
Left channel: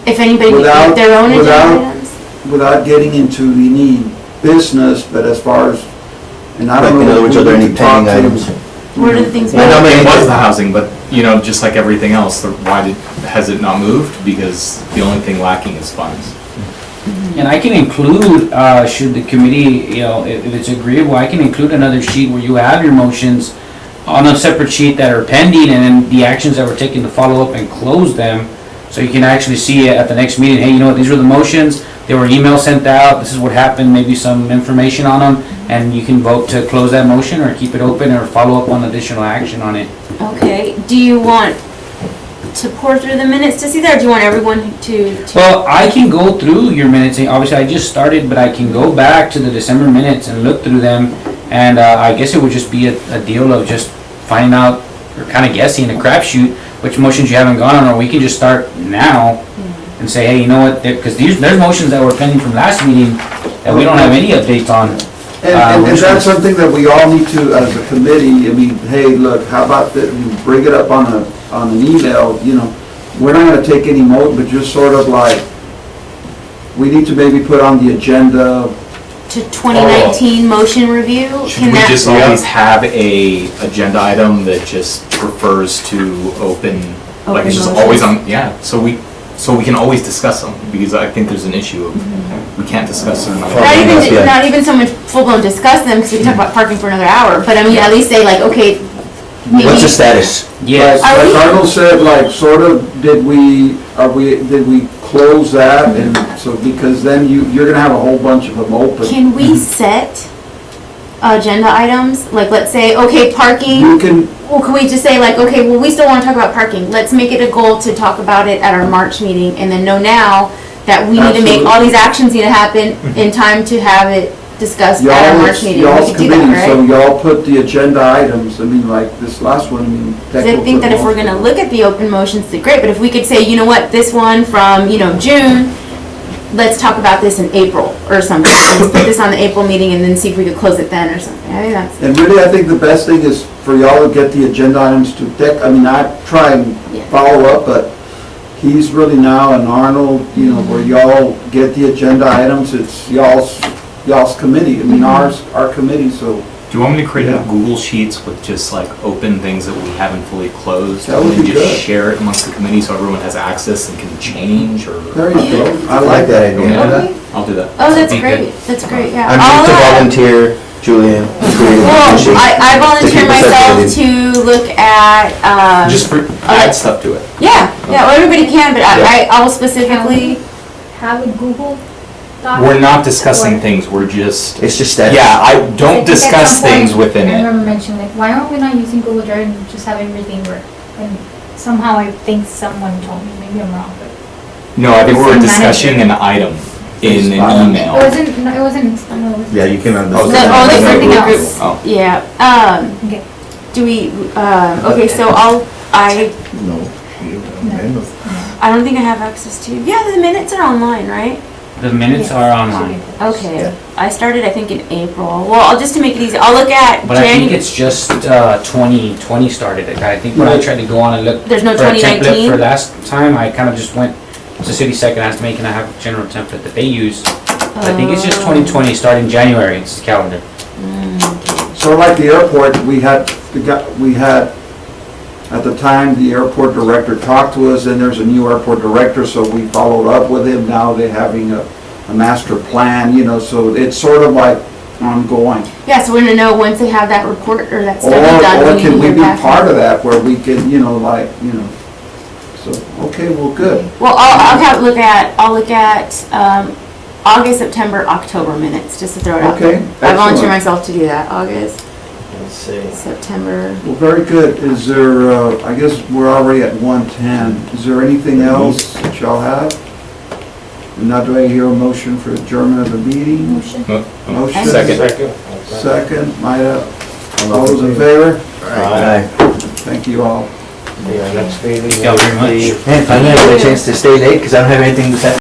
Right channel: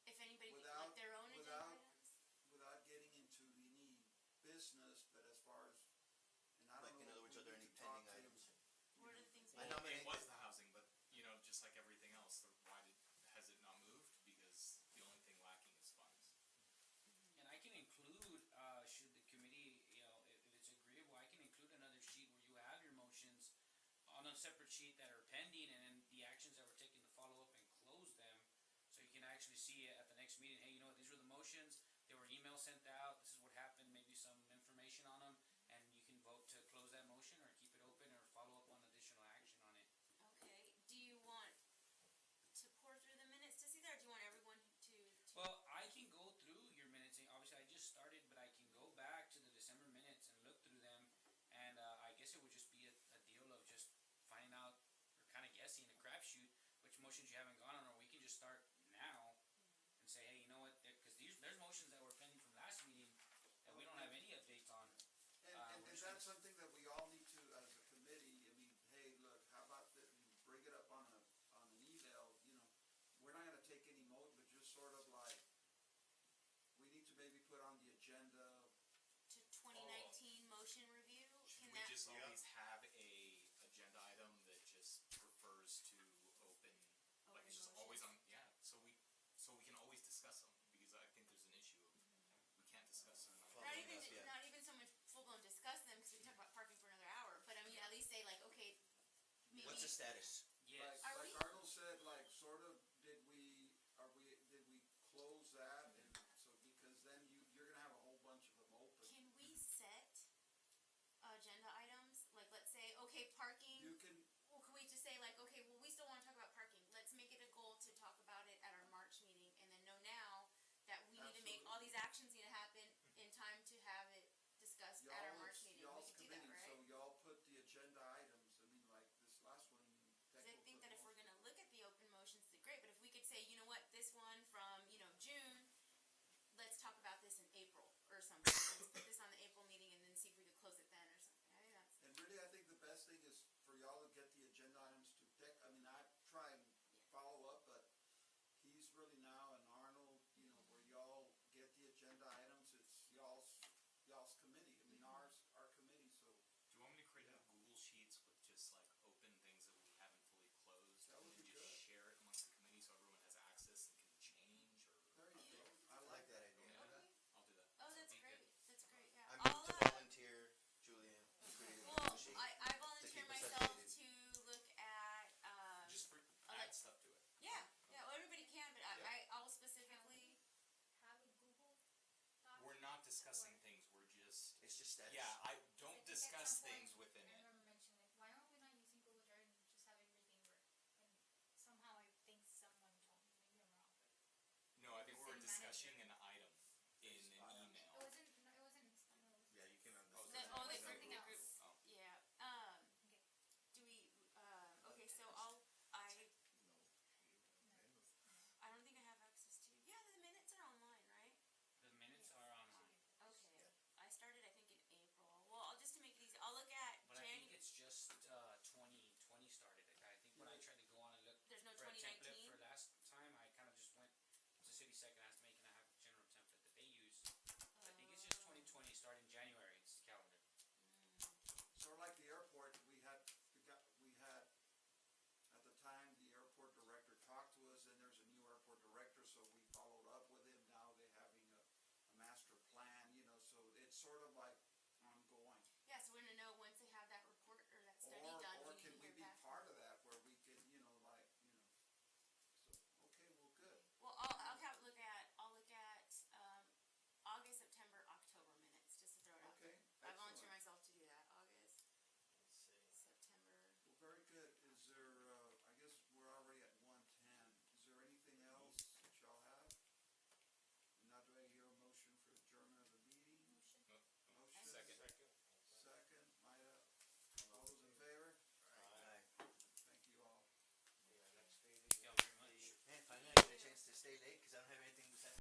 If anybody would without- get their own agenda without- items? without getting into any business, but as far as, and I Like, don't know. in other words, are there any who to talk pending to. items? What are the things? Well, how many- it was the housing, but, just like everything else, has it not moved? Because the only thing lacking is funds. And I can include, should the committee, if it's agreeable, I can include another sheet where you have your motions on a separate sheet that are pending, and then the actions that were taken to follow up and close them. So you can actually see at the next meeting, hey, these were the motions, there were emails sent out, this is what happened, maybe some information on them, and you can vote to close that motion or keep it open or follow up on additional action on it. Okay, do you want to pour through the minutes to see that, or do you want everyone to? Well, I can go through your minutes, and obviously I just started, but I can go back to the December minutes and look through them, and I guess it would just be a deal of just finding out, or kind of guessing, a crapshoot, which motions you haven't gone on, or we can just start now and say, hey, you know what, because there's motions that were pending from last meeting that we don't have any updates on. And Which that's ones? something that we all need to, as a committee, hey, look, how about that, you bring it up on an email, we're not gonna take any but just sort of like, we need to maybe put on the agenda, To 2019 motion review? Should Can we that- just always have a agenda item that just refers to open Like, it's just Open always motions. on, yeah, so we can always discuss them, because I think there's an issue of, we can't discuss certain Not items. even, not even so much full-blown discuss them, because we can talk about parking for another hour, but I mean, at least say like, okay, maybe. What's the status? Yes. Are we- Like Arnold said, like, sort of, did we close that? And so, because then you're gonna have a whole bunch of them open. Can we set agenda items? Like, let's say, okay, parking. You can, Well, can we just say like, okay, well, we still want to talk about parking. Let's make it a goal to talk about it at our March meeting and then know now that we need to make, all these actions need to happen in time to have it discussed at our March meeting. We y'all's could do committee, that, so right? y'all put the agenda items, I mean, like this last one, I mean. Because I think that if we're gonna look at the open motions, it's great, but if we could say, you know what, this one from, June, let's talk about this in April or something. Let's put this on the April meeting and then see if we could close it then or something. I think that's, And really, I think the best thing is for y'all to get the agenda items to Dick. I mean, I try and Yeah. follow up, but he's really now, and Arnold, where y'all get the agenda items, it's y'all's committee. I mean, our committee, so Do you want me to create Yeah. Google Sheets with just like open things that we haven't fully closed? That would and be just good. share it amongst the committee so everyone has access and can change or? there you go. I like that idea. Yeah. I'll do that. oh, that's Be good. great. That's great, yeah. I'm I'll, just to volunteer, Julian. Well, I volunteer keep us myself updated. to look at, Just add stuff to it. yeah, well, everybody can, but I will specifically, Have a Google Doc. We're not discussing Or- things, we're just, It's just status. yeah, I I don't think at discuss some point, things within I it. remember mentioning, like, why aren't we not using Google Drive and just have everything work? And somehow I think someone told me, maybe I'm wrong, but No, I think we're Same discussing an item in an it email. wasn't, no, it wasn't, no, it was. Yeah, you can Oh, understand. the that's only another thing that group. group, Oh. yeah, Okay. do we, okay, so I No. don't think I have access to, yeah, the minutes are online, right? The minutes are online, Okay, I started, I think, in April. Well, just to make it easy, I'll look at but I think January, it's just 2020 started it. I think when I tried to go on and look there's no for a template 2019? for last time, I kind of just went to City Second, asked me, can I have a general template that they use? But I think it's just 2020, starting January, it's the calendar. So like the airport, we had, at the time, the airport director talked to us, and there's a new airport director, so we followed up with him. Now they're having a master plan, so it's sort of like ongoing. Yeah, so we're gonna know once they have that report or that Or, study done. or we can we hear be back part from of that where we can, so, okay, well, good. Well, I'll look at, August, September, October minutes, just to throw it out Okay, there. I volunteer excellent. myself to do that, August, Let's see. September. Well, very good. Is there, I guess we're already at 1:10. Is there anything else that y'all have? Now do I hear a motion for adjournment of the meeting? Motion. Motion. Second. Second, Maida. All those in favor? Aye. Thank you all. Yeah, next meeting. Thank you very much. will be- Man, finally I had a chance to stay late because I don't have anything to say.